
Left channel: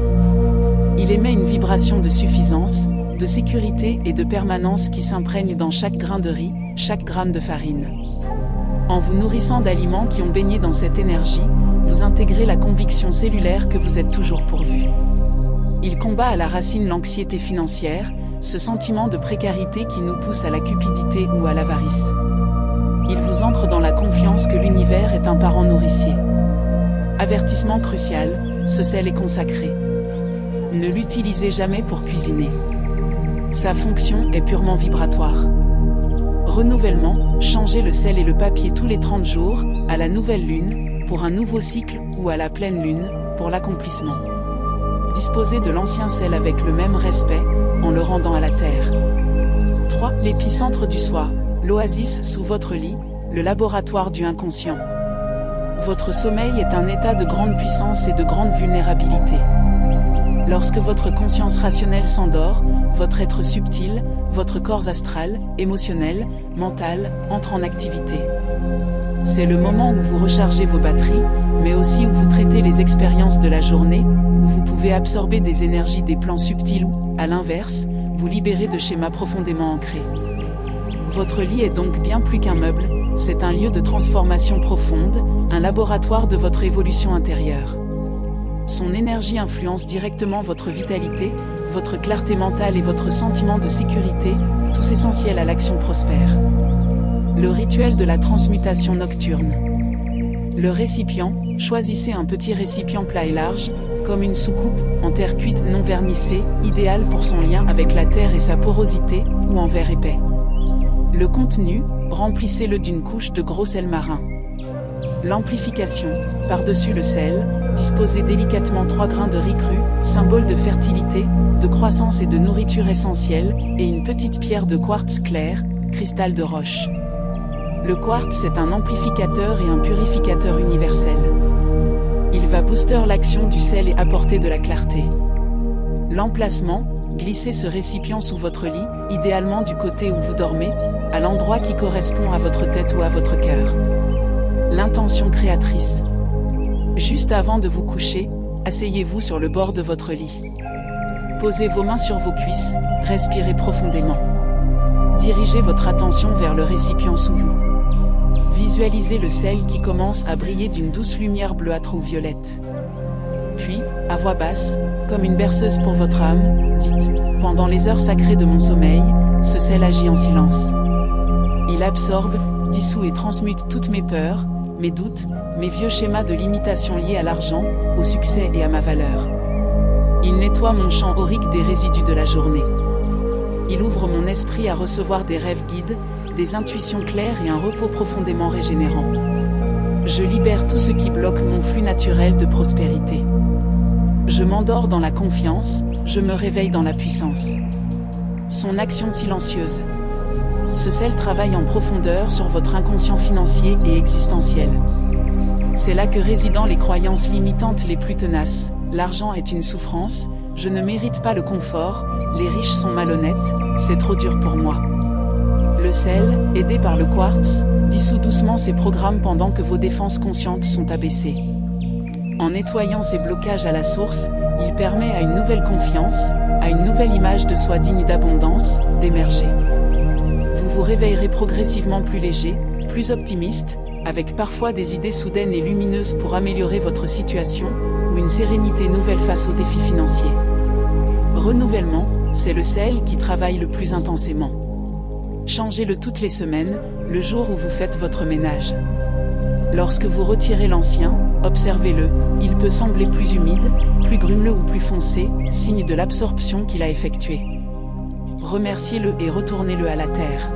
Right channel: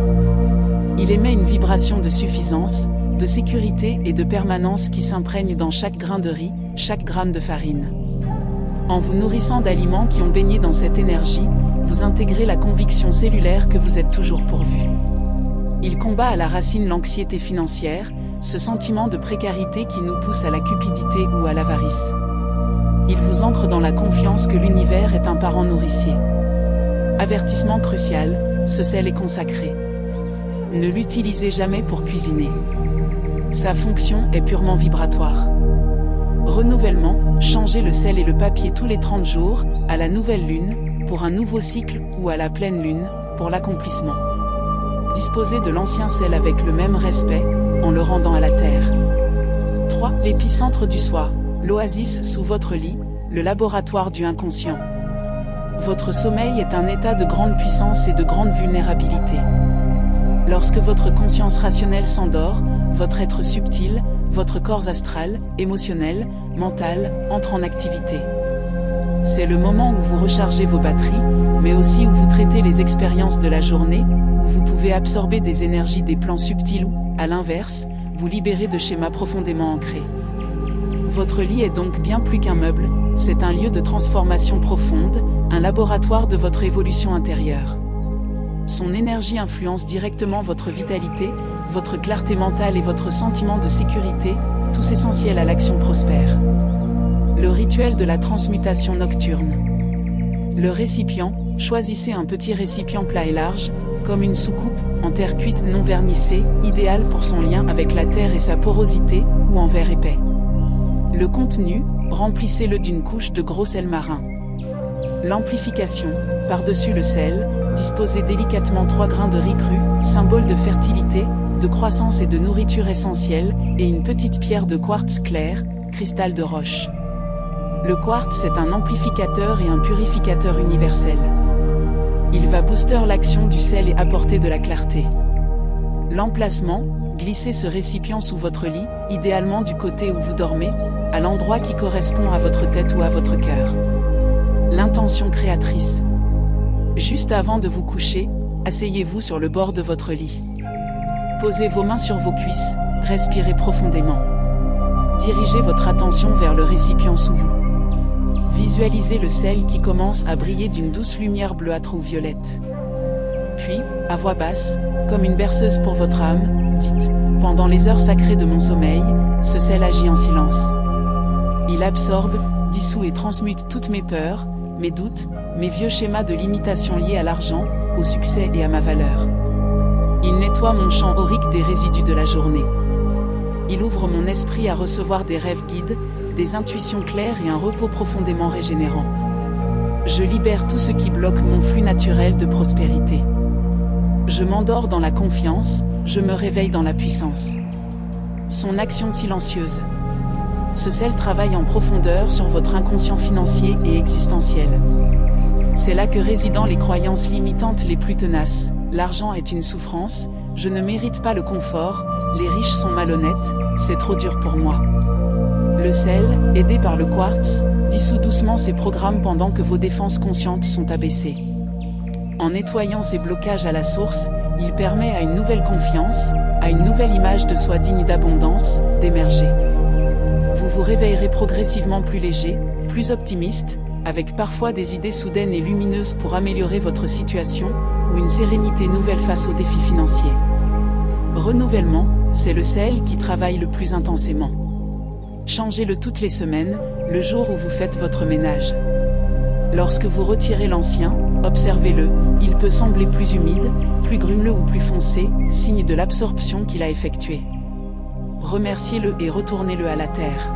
Il émet une vibration de suffisance, de sécurité et de permanence qui s'imprègne dans chaque grain de riz, chaque gramme de farine. En vous nourrissant d'aliments qui ont baigné dans cette énergie, vous intégrez la conviction cellulaire que vous êtes toujours pourvu. Il combat à la racine l'anxiété financière, ce sentiment de précarité qui nous pousse à la cupidité ou à l'avarice. Il vous ancre dans la confiance que l'univers est un parent nourricier. Avertissement crucial, ce sel est consacré. Ne l'utilisez jamais pour cuisiner. Sa fonction est purement vibratoire. Renouvellement, changez le sel et le papier tous les 30 jours, à la nouvelle lune, pour un nouveau cycle, ou à la pleine lune, pour l'accomplissement. Disposez de l'ancien sel avec le même respect, en le rendant à la terre. 3. L'épicentre du soi, l'oasis sous votre lit, le laboratoire du inconscient. Votre sommeil est un état de grande puissance et de grande vulnérabilité. Lorsque votre conscience rationnelle s'endort, votre être subtil, votre corps astral, émotionnel, mental, entre en activité. C'est le moment où vous rechargez vos batteries, mais aussi où vous traitez les expériences de la journée, où vous pouvez absorber des énergies des plans subtils ou, à l'inverse, vous libérer de schémas profondément ancrés. Votre lit est donc bien plus qu'un meuble, c'est un lieu de transformation profonde, un laboratoire de votre évolution intérieure. Son énergie influence directement votre vitalité, votre clarté mentale et votre sentiment de sécurité, tous essentiels à l'action prospère. Le rituel de la transmutation nocturne. Le récipient, choisissez un petit récipient plat et large, comme une soucoupe, en terre cuite non vernissée, idéal pour son lien avec la terre et sa porosité, ou en verre épais. Le contenu, remplissez-le d'une couche de gros sel marin. L'amplification, par-dessus le sel, disposez délicatement 3 grains de riz cru, symbole de fertilité, de croissance et de nourriture essentielle, et une petite pierre de quartz clair, cristal de roche. Le quartz est un amplificateur et un purificateur universel. Il va booster l'action du sel et apporter de la clarté. L'emplacement, glissez ce récipient sous votre lit, idéalement du côté où vous dormez, à l'endroit qui correspond à votre tête ou à votre cœur. L'intention créatrice. Juste avant de vous coucher, asseyez-vous sur le bord de votre lit. Posez vos mains sur vos cuisses, respirez profondément. Dirigez votre attention vers le récipient sous vous. Visualisez le sel qui commence à briller d'une douce lumière bleuâtre ou violette. Puis, à voix basse, comme une berceuse pour votre âme, dites « Pendant les heures sacrées de mon sommeil, ce sel agit en silence. Il absorbe, dissout et transmute toutes mes peurs, mes doutes, mes vieux schémas de limitation liés à l'argent, au succès et à ma valeur. Il nettoie mon champ aurique des résidus de la journée. Il ouvre mon esprit à recevoir des rêves guides, des intuitions claires et un repos profondément régénérant. Je libère tout ce qui bloque mon flux naturel de prospérité. Je m'endors dans la confiance, je me réveille dans la puissance. Son action silencieuse. Ce sel travaille en profondeur sur votre inconscient financier et existentiel. C'est là que résident les croyances limitantes les plus tenaces. L'argent est une souffrance, je ne mérite pas le confort, les riches sont malhonnêtes, c'est trop dur pour moi. Le sel, aidé par le quartz, dissout doucement ces programmes pendant que vos défenses conscientes sont abaissées. En nettoyant ces blocages à la source, il permet à une nouvelle confiance, à une nouvelle image de soi digne d'abondance, d'émerger. Vous vous réveillerez progressivement plus léger, plus optimiste, avec parfois des idées soudaines et lumineuses pour améliorer votre situation, ou une sérénité nouvelle face aux défis financiers. Renouvellement, c'est le sel qui travaille le plus intensément. Changez-le toutes les semaines, le jour où vous faites votre ménage. Lorsque vous retirez l'ancien, observez-le, il peut sembler plus humide, plus grumeleux ou plus foncé, signe de l'absorption qu'il a effectuée. Remerciez-le et retournez-le à la terre.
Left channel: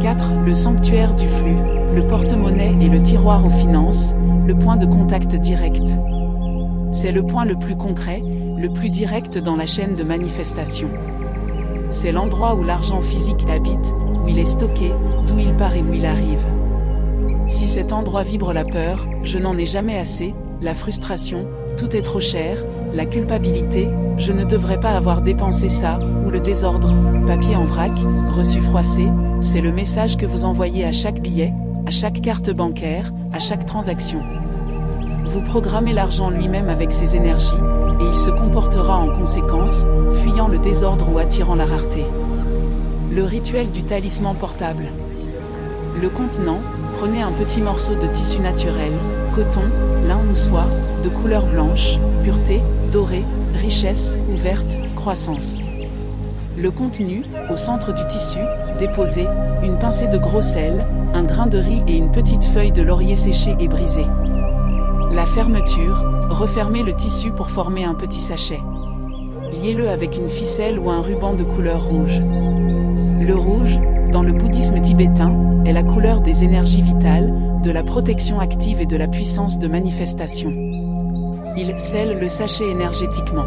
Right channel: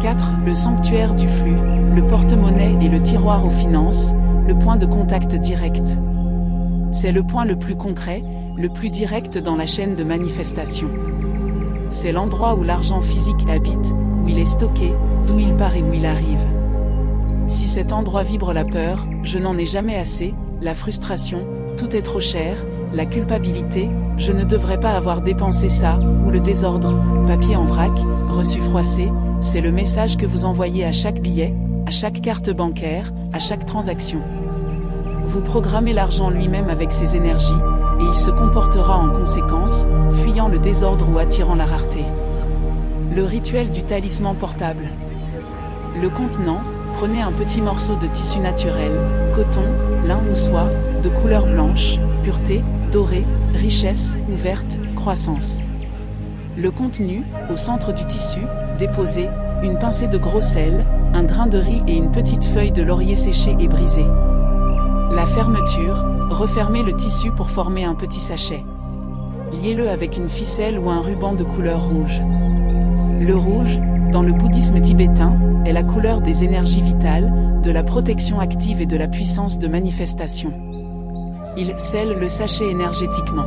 4. Le sanctuaire du flux, le porte-monnaie et le tiroir aux finances, le point de contact direct. C'est le point le plus concret, le plus direct dans la chaîne de manifestation. C'est l'endroit où l'argent physique habite, où il est stocké, d'où il part et où il arrive. Si cet endroit vibre la peur, je n'en ai jamais assez, la frustration, tout est trop cher, la culpabilité, je ne devrais pas avoir dépensé ça, ou le désordre, papier en vrac, reçu froissé, c'est le message que vous envoyez à chaque billet, à chaque carte bancaire, à chaque transaction. Vous programmez l'argent lui-même avec ses énergies, et il se comportera en conséquence, fuyant le désordre ou attirant la rareté. Le rituel du talisman portable. Le contenant, prenez un petit morceau de tissu naturel, coton, lin ou soie, de couleur blanche, pureté, dorée, richesse ou verte, croissance. Le contenu, au centre du tissu, déposez une pincée de gros sel, un grain de riz et une petite feuille de laurier séchée et brisée. La fermeture, refermez le tissu pour former un petit sachet. Liez-le avec une ficelle ou un ruban de couleur rouge. Le rouge, dans le bouddhisme tibétain, est la couleur des énergies vitales, de la protection active et de la puissance de manifestation. Il scelle le sachet énergétiquement.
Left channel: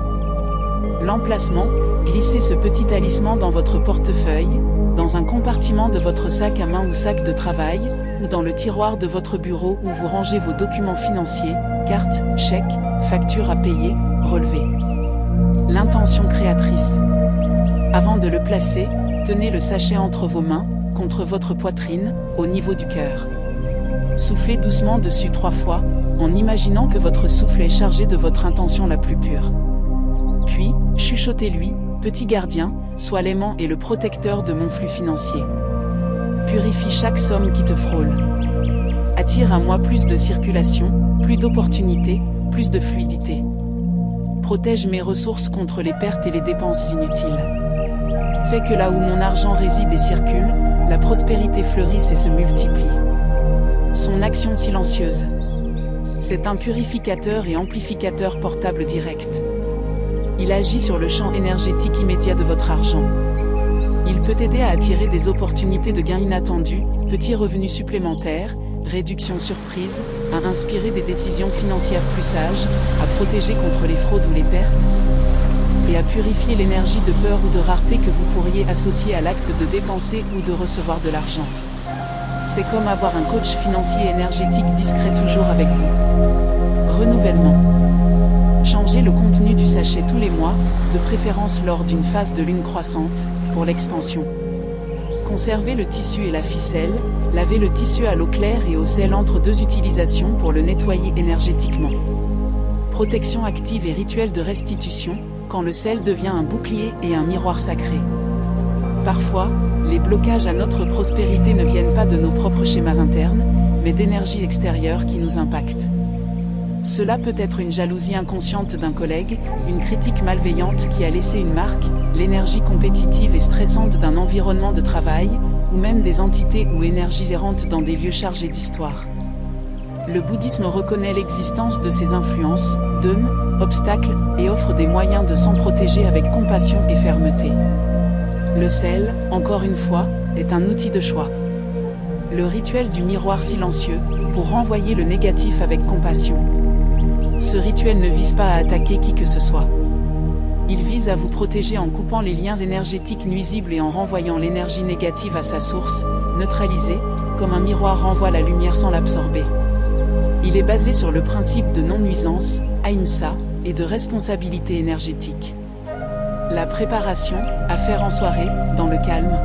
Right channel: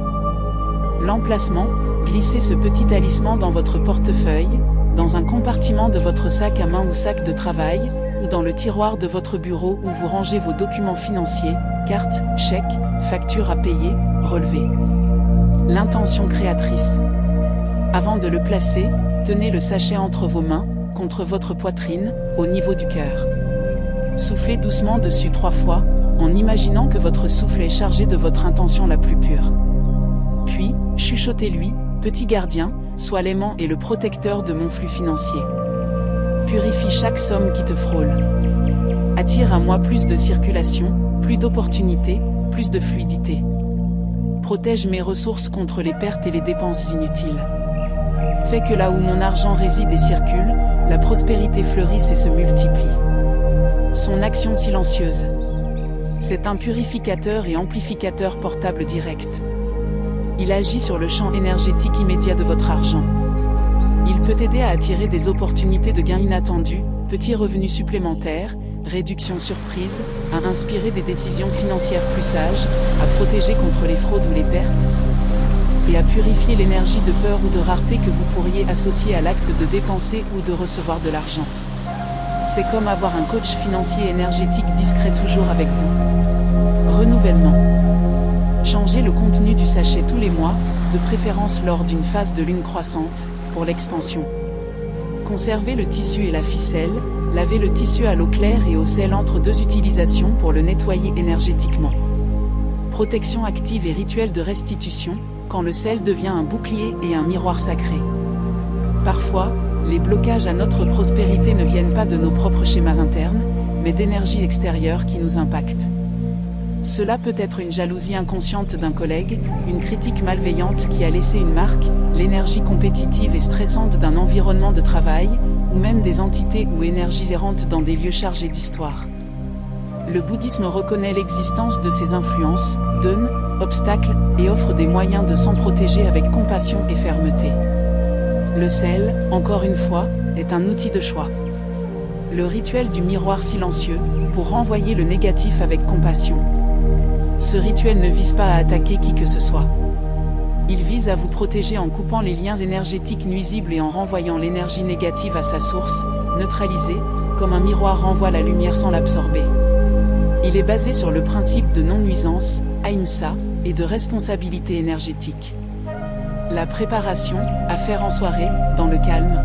L'emplacement, glissez ce petit talisman dans votre portefeuille, dans un compartiment de votre sac à main ou sac de travail, ou dans le tiroir de votre bureau où vous rangez vos documents financiers, cartes, chèques, factures à payer, relevés. L'intention créatrice. Avant de le placer, tenez le sachet entre vos mains, contre votre poitrine, au niveau du cœur. Soufflez doucement dessus 3 fois, en imaginant que votre souffle est chargé de votre intention la plus pure. Puis, chuchotez-lui, petit gardien, sois l'aimant et le protecteur de mon flux financier. Purifie chaque somme qui te frôle. Attire à moi plus de circulation, plus d'opportunités, plus de fluidité. Protège mes ressources contre les pertes et les dépenses inutiles. Fais que là où mon argent réside et circule, la prospérité fleurisse et se multiplie. Son action silencieuse. C'est un purificateur et amplificateur portable direct. Il agit sur le champ énergétique immédiat de votre argent. Il peut aider à attirer des opportunités de gains inattendus, petits revenus supplémentaires, réductions surprises, à inspirer des décisions financières plus sages, à protéger contre les fraudes ou les pertes, et à purifier l'énergie de peur ou de rareté que vous pourriez associer à l'acte de dépenser ou de recevoir de l'argent. C'est comme avoir un coach financier énergétique discret toujours avec vous. Renouvellement. Changez le contenu du sachet tous les mois, de préférence lors d'une phase de lune croissante, pour l'expansion. Conservez le tissu et la ficelle, lavez le tissu à l'eau claire et au sel entre 2 utilisations pour le nettoyer énergétiquement. Protection active et rituel de restitution, quand le sel devient un bouclier et un miroir sacré. Parfois, les blocages à notre prospérité ne viennent pas de nos propres schémas internes, mais d'énergies extérieures qui nous impactent. Cela peut être une jalousie inconsciente d'un collègue, une critique malveillante qui a laissé une marque, l'énergie compétitive et stressante d'un environnement de travail, ou même des entités ou énergies errantes dans des lieux chargés d'histoire. Le bouddhisme reconnaît l'existence de ces influences, donne, obstacles, et offre des moyens de s'en protéger avec compassion et fermeté. Le sel, encore une fois, est un outil de choix. Le rituel du miroir silencieux, pour renvoyer le négatif avec compassion. Ce rituel ne vise pas à attaquer qui que ce soit. Il vise à vous protéger en coupant les liens énergétiques nuisibles et en renvoyant l'énergie négative à sa source, neutralisée, comme un miroir renvoie la lumière sans l'absorber. Il est basé sur le principe de non-nuisance, ahimsa, et de responsabilité énergétique. La préparation, à faire en soirée, dans le calme.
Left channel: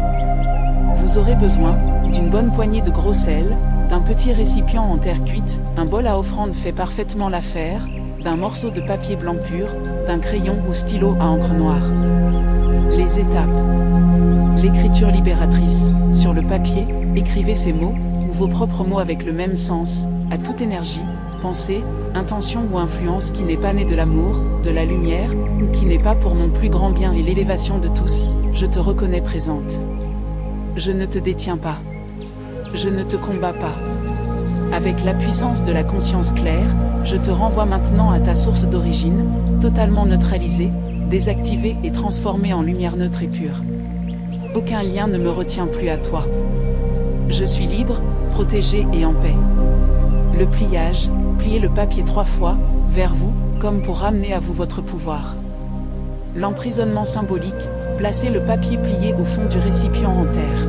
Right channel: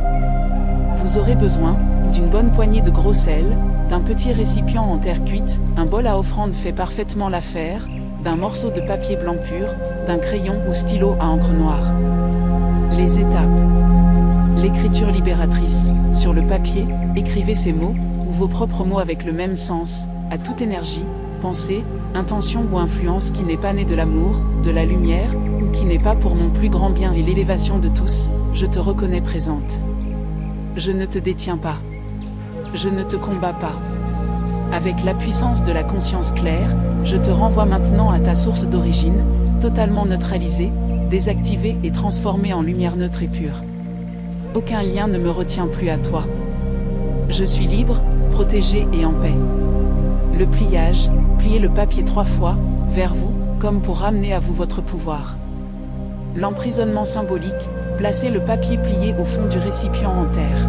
Vous aurez besoin d'une bonne poignée de gros sel, d'un petit récipient en terre cuite, un bol à offrande fait parfaitement l'affaire, d'un morceau de papier blanc pur, d'un crayon ou stylo à encre noire. Les étapes. L'écriture libératrice. Sur le papier, écrivez ces mots, ou vos propres mots avec le même sens, à toute énergie, pensée, intention ou influence qui n'est pas née de l'amour, de la lumière, ou qui n'est pas pour mon plus grand bien et l'élévation de tous, je te reconnais présente. Je ne te détiens pas. Je ne te combats pas. Avec la puissance de la conscience claire, je te renvoie maintenant à ta source d'origine, totalement neutralisée, désactivée et transformée en lumière neutre et pure. Aucun lien ne me retient plus à toi. Je suis libre, protégé et en paix. Le pliage, pliez le papier 3 fois, vers vous, comme pour ramener à vous votre pouvoir. L'emprisonnement symbolique, placez le papier plié au fond du récipient en terre.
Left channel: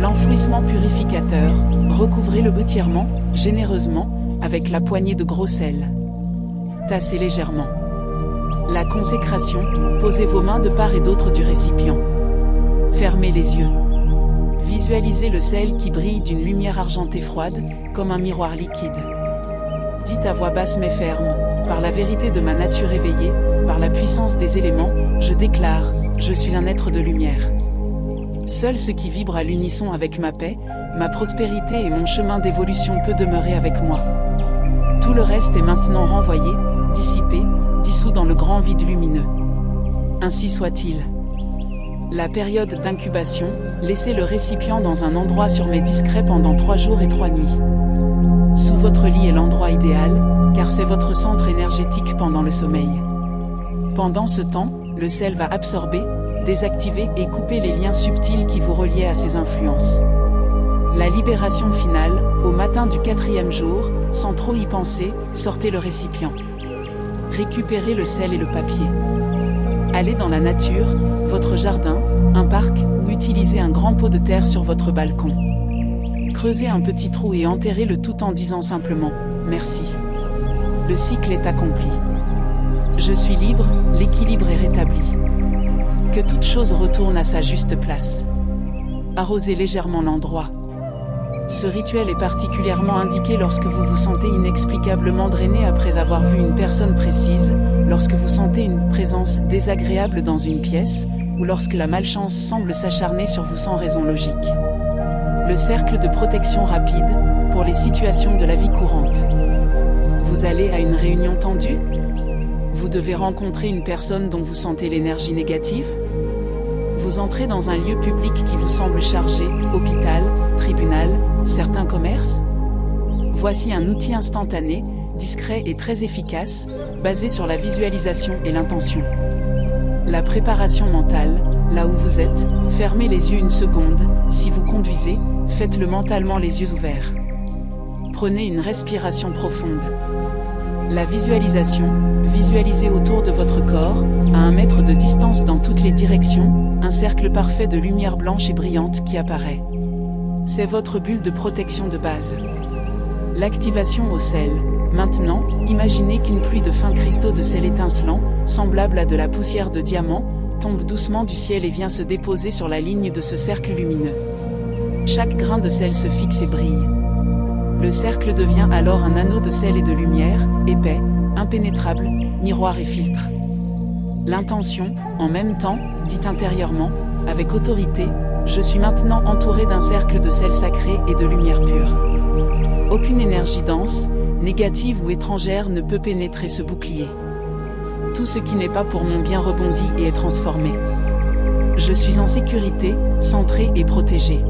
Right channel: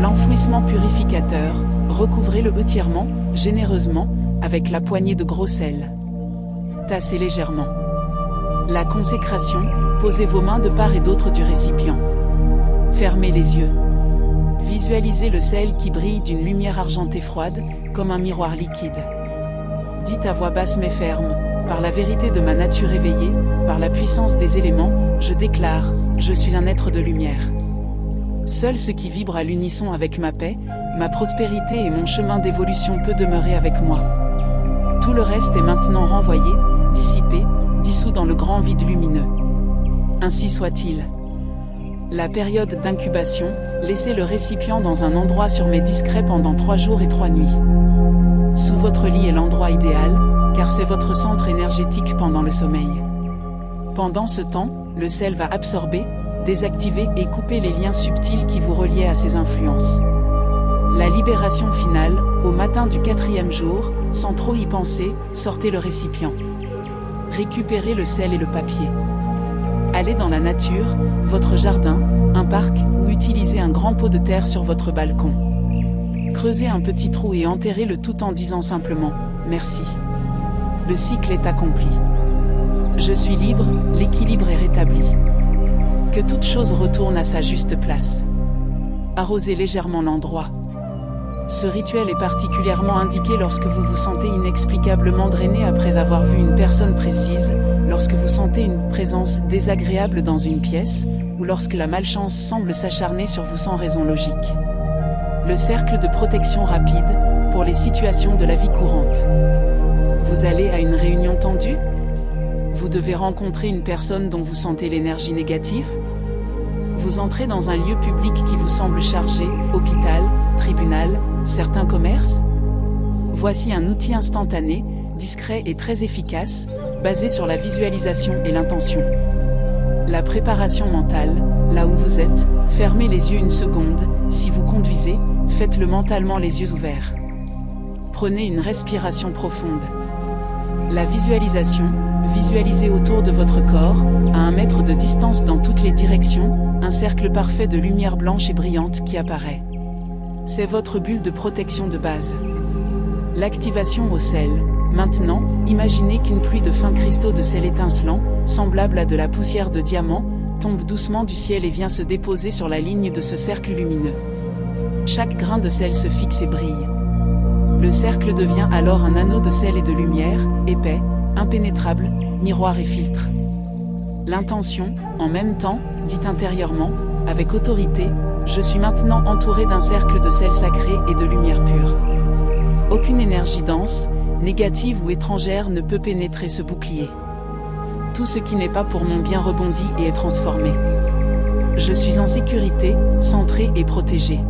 L'enfouissement purificateur, recouvrez-le entièrement, généreusement, avec la poignée de gros sel. Tassez légèrement. La consécration, posez vos mains de part et d'autre du récipient. Fermez les yeux. Visualisez le sel qui brille d'une lumière argentée froide, comme un miroir liquide. Dites à voix basse mais ferme, par la vérité de ma nature éveillée, par la puissance des éléments, je déclare, je suis un être de lumière. Seul ce qui vibre à l'unisson avec ma paix, ma prospérité et mon chemin d'évolution peut demeurer avec moi. Tout le reste est maintenant renvoyé, dissipé, dissous dans le grand vide lumineux. Ainsi soit-il. La période d'incubation, laissez le récipient dans un endroit surmet discret pendant 3 jours et 3 nuits. Sous votre lit est l'endroit idéal, car c'est votre centre énergétique pendant le sommeil. Pendant ce temps, le sel va absorber, désactiver et couper les liens subtils qui vous reliaient à ces influences. La libération finale, au matin du 4e jour, sans trop y penser, sortez le récipient. Récupérez le sel et le papier. Allez dans la nature, votre jardin, un parc, ou utilisez un grand pot de terre sur votre balcon. Creusez un petit trou et enterrez le tout en disant simplement « Merci ». Le cycle est accompli. Je suis libre, l'équilibre est rétabli. Que toute chose retourne à sa juste place. Arrosez légèrement l'endroit. Ce rituel est particulièrement indiqué lorsque vous vous sentez inexplicablement drainé après avoir vu une personne précise, lorsque vous sentez une présence désagréable dans une pièce, ou lorsque la malchance semble s'acharner sur vous sans raison logique. Le cercle de protection rapide, pour les situations de la vie courante. Vous allez à une réunion tendue? Vous devez rencontrer une personne dont vous sentez l'énergie négative? Vous entrez dans un lieu public qui vous semble chargé, hôpital, tribunal, certains commerces? Voici un outil instantané, discret et très efficace, basé sur la visualisation et l'intention. La préparation mentale, là où vous êtes, fermez les yeux une seconde, si vous conduisez, faites-le mentalement les yeux ouverts. Prenez une respiration profonde. La visualisation, visualisez autour de votre corps, à 1 mètre de distance dans toutes les directions, un cercle parfait de lumière blanche et brillante qui apparaît. C'est votre bulle de protection de base. L'activation au sel. Maintenant, imaginez qu'une pluie de fins cristaux de sel étincelant, semblable à de la poussière de diamant, tombe doucement du ciel et vient se déposer sur la ligne de ce cercle lumineux. Chaque grain de sel se fixe et brille. Le cercle devient alors un anneau de sel et de lumière, épais, impénétrable, miroir et filtre. L'intention, en même temps, dit intérieurement, avec autorité, je suis maintenant entouré d'un cercle de sel sacré et de lumière pure. Aucune énergie dense, négative ou étrangère ne peut pénétrer ce bouclier. Tout ce qui n'est pas pour mon bien rebondit et est transformé. Je suis en sécurité, centré et protégé.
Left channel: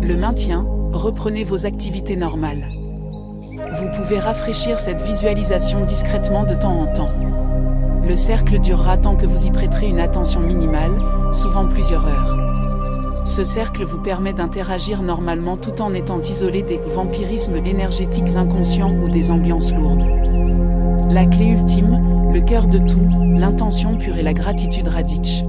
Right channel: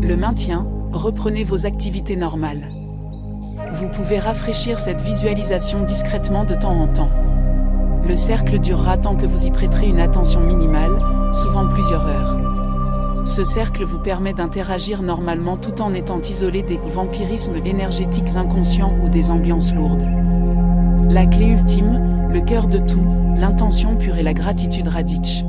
Le maintien, reprenez vos activités normales. Vous pouvez rafraîchir cette visualisation discrètement de temps en temps. Le cercle durera tant que vous y prêterez une attention minimale, souvent plusieurs heures. Ce cercle vous permet d'interagir normalement tout en étant isolé des vampirismes énergétiques inconscients ou des ambiances lourdes. La clé ultime, le cœur de tout, l'intention pure et la gratitude raditch.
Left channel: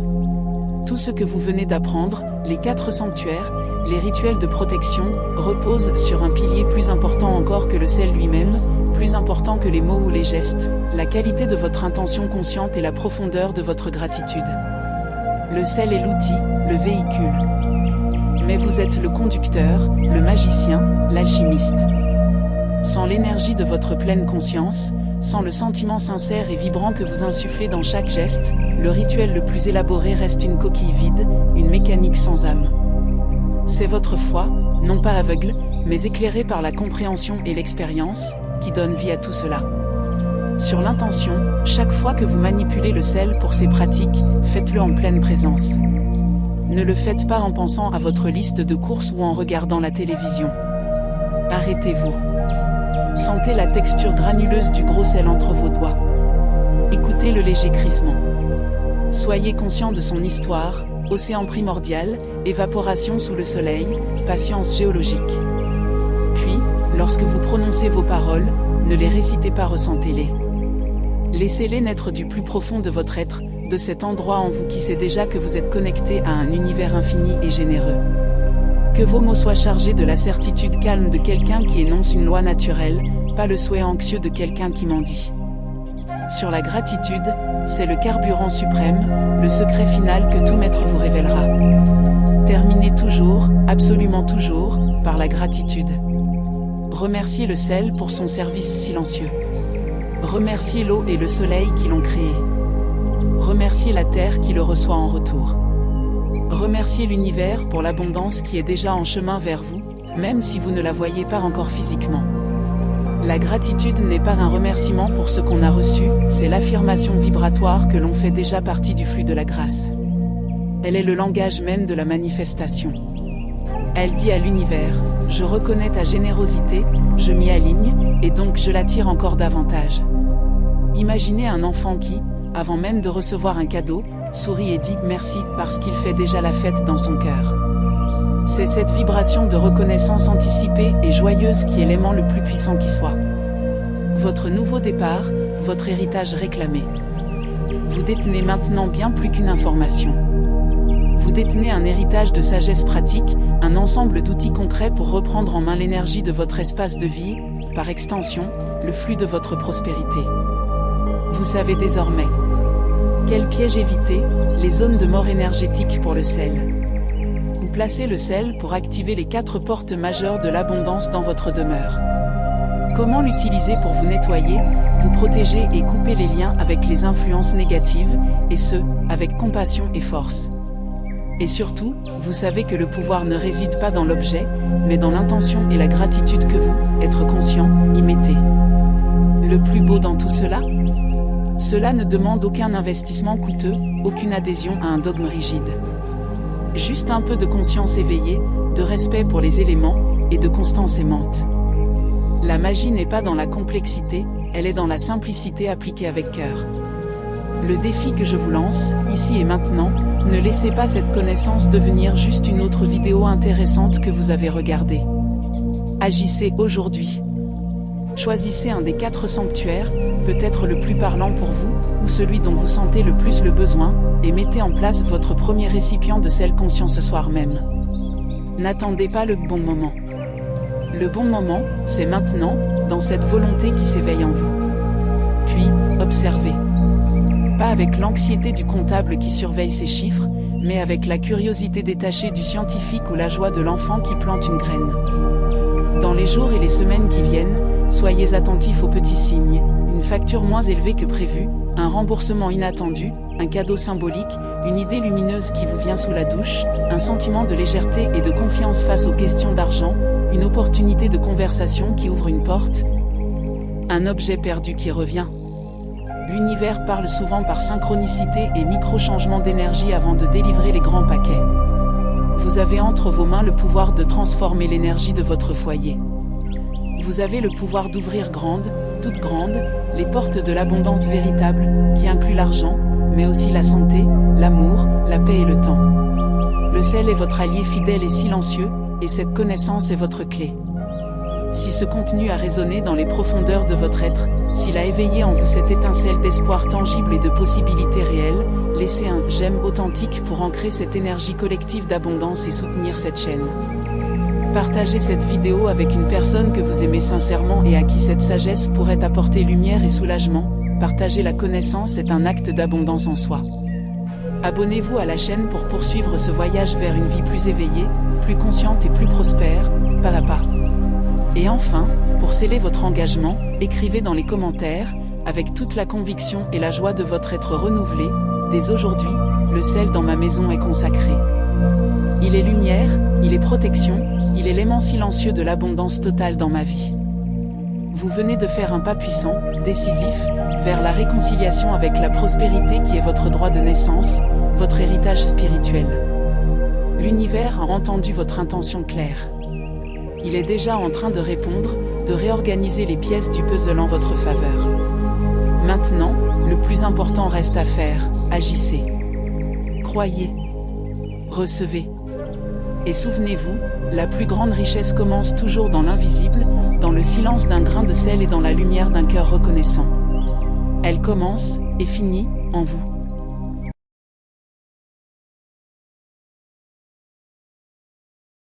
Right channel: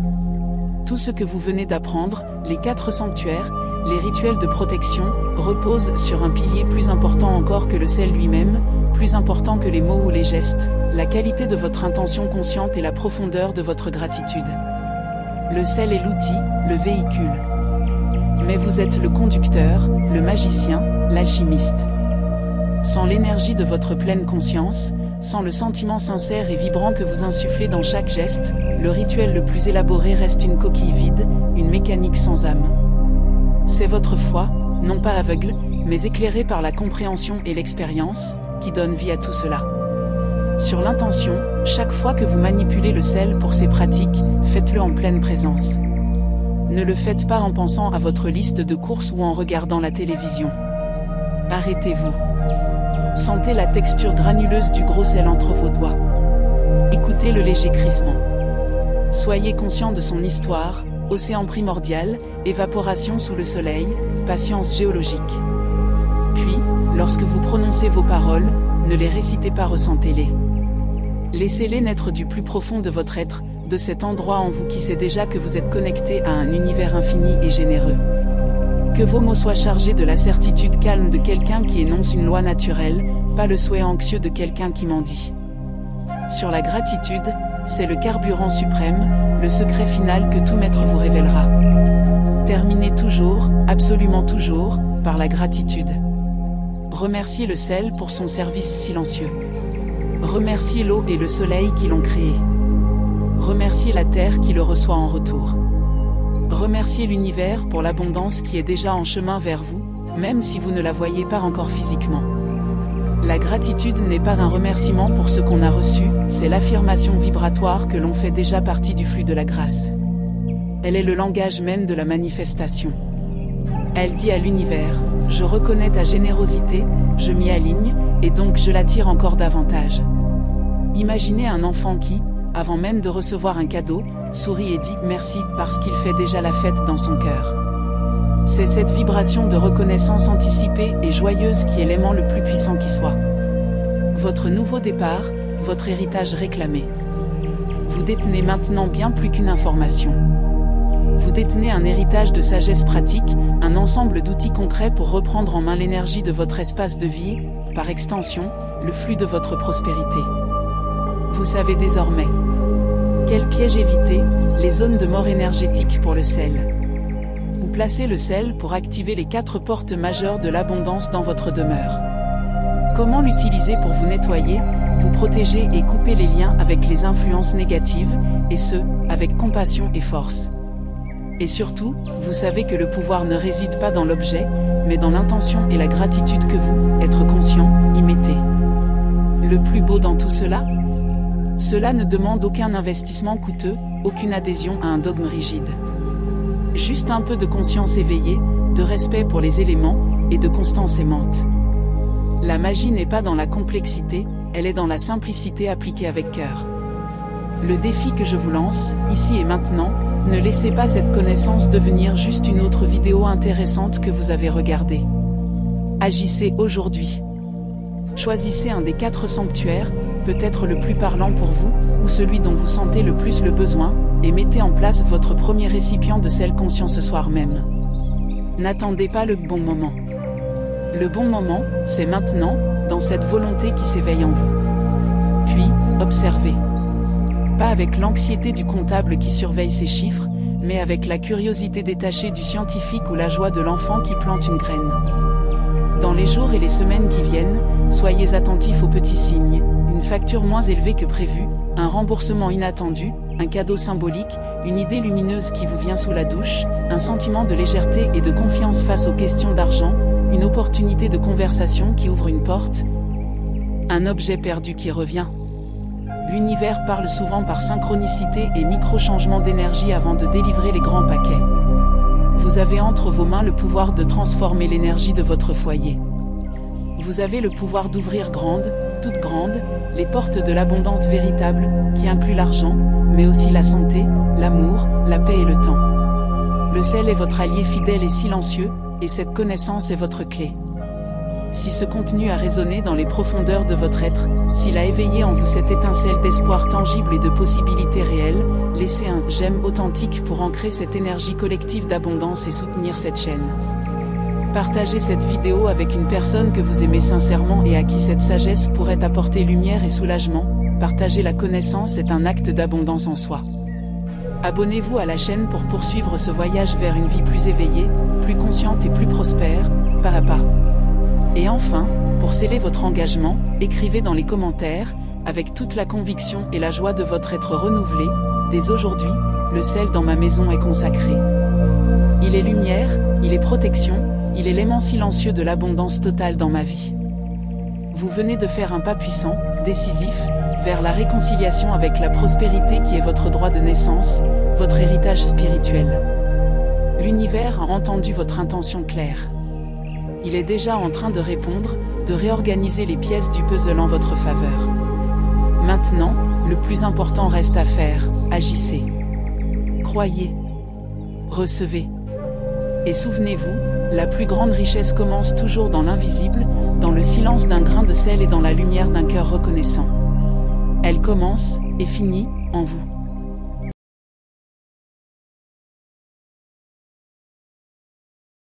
Tout ce que vous venez d'apprendre, les 4 sanctuaires, les rituels de protection, reposent sur un pilier plus important encore que le sel lui-même, plus important que les mots ou les gestes, la qualité de votre intention consciente et la profondeur de votre gratitude. Le sel est l'outil, le véhicule. Mais vous êtes le conducteur, le magicien, l'alchimiste. Sans l'énergie de votre pleine conscience, sans le sentiment sincère et vibrant que vous insufflez dans chaque geste, le rituel le plus élaboré reste une coquille vide, une mécanique sans âme. C'est votre foi, non pas aveugle, mais éclairée par la compréhension et l'expérience, qui donne vie à tout cela. Sur l'intention, chaque fois que vous manipulez le sel pour ces pratiques, faites-le en pleine présence. Ne le faites pas en pensant à votre liste de courses ou en regardant la télévision. Arrêtez-vous. Sentez la texture granuleuse du gros sel entre vos doigts. Écoutez le léger crissement. Soyez conscient de son histoire, océan primordial, évaporation sous le soleil, patience géologique. Puis, lorsque vous prononcez vos paroles, ne les récitez pas, ressentez-les. Laissez-les naître du plus profond de votre être, de cet endroit en vous qui sait déjà que vous êtes connecté à un univers infini et généreux. Que vos mots soient chargés de la certitude calme de quelqu'un qui énonce une loi naturelle, pas le souhait anxieux de quelqu'un qui mendie. Sur la gratitude, c'est le carburant suprême, le secret final que tout maître vous révélera. Terminez toujours, absolument toujours, par la gratitude. Remerciez le sel pour son service silencieux. Remerciez l'eau et le soleil qui l'ont créé. Remerciez la terre qui le reçoit en retour. Remerciez l'univers pour l'abondance qui est déjà en chemin vers vous, même si vous ne la voyez pas encore physiquement. La gratitude n'est pas un remerciement pour ce qu'on a reçu, c'est l'affirmation vibratoire que l'on fait déjà partie du flux de la grâce. Elle est le langage même de la manifestation. Elle dit à l'univers, je reconnais ta générosité, je m'y aligne, et donc je l'attire encore davantage. Imaginez un enfant qui, avant même de recevoir un cadeau, sourit et dit merci parce qu'il fait déjà la fête dans son cœur. C'est cette vibration de reconnaissance anticipée et joyeuse qui est l'aimant le plus puissant qui soit. Votre nouveau départ, votre héritage réclamé. Vous détenez maintenant bien plus qu'une information. Vous détenez un héritage de sagesse pratique, un ensemble d'outils concrets pour reprendre en main l'énergie de votre espace de vie, par extension, le flux de votre prospérité. Vous savez désormais quel piège éviter, les zones de mort énergétique pour le sel. Où placer le sel pour activer les 4 portes majeures de l'abondance dans votre demeure. Comment l'utiliser pour vous nettoyer, vous protéger et couper les liens avec les influences négatives, et ce, avec compassion et force. Et surtout, vous savez que le pouvoir ne réside pas dans l'objet, mais dans l'intention et la gratitude que vous, être conscient, y mettez. Le plus beau dans tout cela ? Cela ne demande aucun investissement coûteux, aucune adhésion à un dogme rigide. Juste un peu de conscience éveillée, de respect pour les éléments, et de constance aimante. La magie n'est pas dans la complexité, elle est dans la simplicité appliquée avec cœur. Le défi que je vous lance, ici et maintenant, ne laissez pas cette connaissance devenir juste une autre vidéo intéressante que vous avez regardée. Agissez aujourd'hui. Choisissez un des 4 sanctuaires, peut-être le plus parlant pour vous, ou celui dont vous sentez le plus le besoin, et mettez en place votre premier récipient de sel conscient ce soir même. N'attendez pas le bon moment. Le bon moment, c'est maintenant, dans cette volonté qui s'éveille en vous. Puis, observez. Pas avec l'anxiété du comptable qui surveille ses chiffres, mais avec la curiosité détachée du scientifique ou la joie de l'enfant qui plante une graine. Dans les jours et les semaines qui viennent, soyez attentifs aux petits signes, une facture moins élevée que prévu, un remboursement inattendu, un cadeau symbolique, une idée lumineuse qui vous vient sous la douche, un sentiment de légèreté et de confiance face aux questions d'argent, une opportunité de conversation qui ouvre une porte, un objet perdu qui revient. L'univers parle souvent par synchronicité et micro-changements d'énergie avant de délivrer les grands paquets. Vous avez entre vos mains le pouvoir de transformer l'énergie de votre foyer. Vous avez le pouvoir d'ouvrir grandes, toutes grandes, les portes de l'abondance véritable, qui inclut l'argent, mais aussi la santé, l'amour, la paix et le temps. Le sel est votre allié fidèle et silencieux, et cette connaissance est votre clé. Si ce contenu a résonné dans les profondeurs de votre être, s'il a éveillé en vous cette étincelle d'espoir tangible et de possibilités réelles, laissez un « j'aime » authentique pour ancrer cette énergie collective d'abondance et soutenir cette chaîne. Partagez cette vidéo avec une personne que vous aimez sincèrement et à qui cette sagesse pourrait apporter lumière et soulagement. Partager la connaissance est un acte d'abondance en soi. Abonnez-vous à la chaîne pour poursuivre ce voyage vers une vie plus éveillée, plus consciente et plus prospère, pas à pas. Et enfin, pour sceller votre engagement, écrivez dans les commentaires, avec toute la conviction et la joie de votre être renouvelé, dès aujourd'hui, le sel dans ma maison est consacré. Il est lumière, il est protection, il est l'aimant silencieux de l'abondance totale dans ma vie. Vous venez de faire un pas puissant, décisif, vers la réconciliation avec la prospérité qui est votre droit de naissance, votre héritage spirituel. L'univers a entendu votre intention claire. Il est déjà en train de répondre, de réorganiser les pièces du puzzle en votre faveur. Maintenant, le plus important reste à faire, agissez. Croyez. Recevez. Et souvenez-vous, la plus grande richesse commence toujours dans l'invisible, dans le silence d'un grain de sel et dans la lumière d'un cœur reconnaissant. Elle commence, et finit, en vous.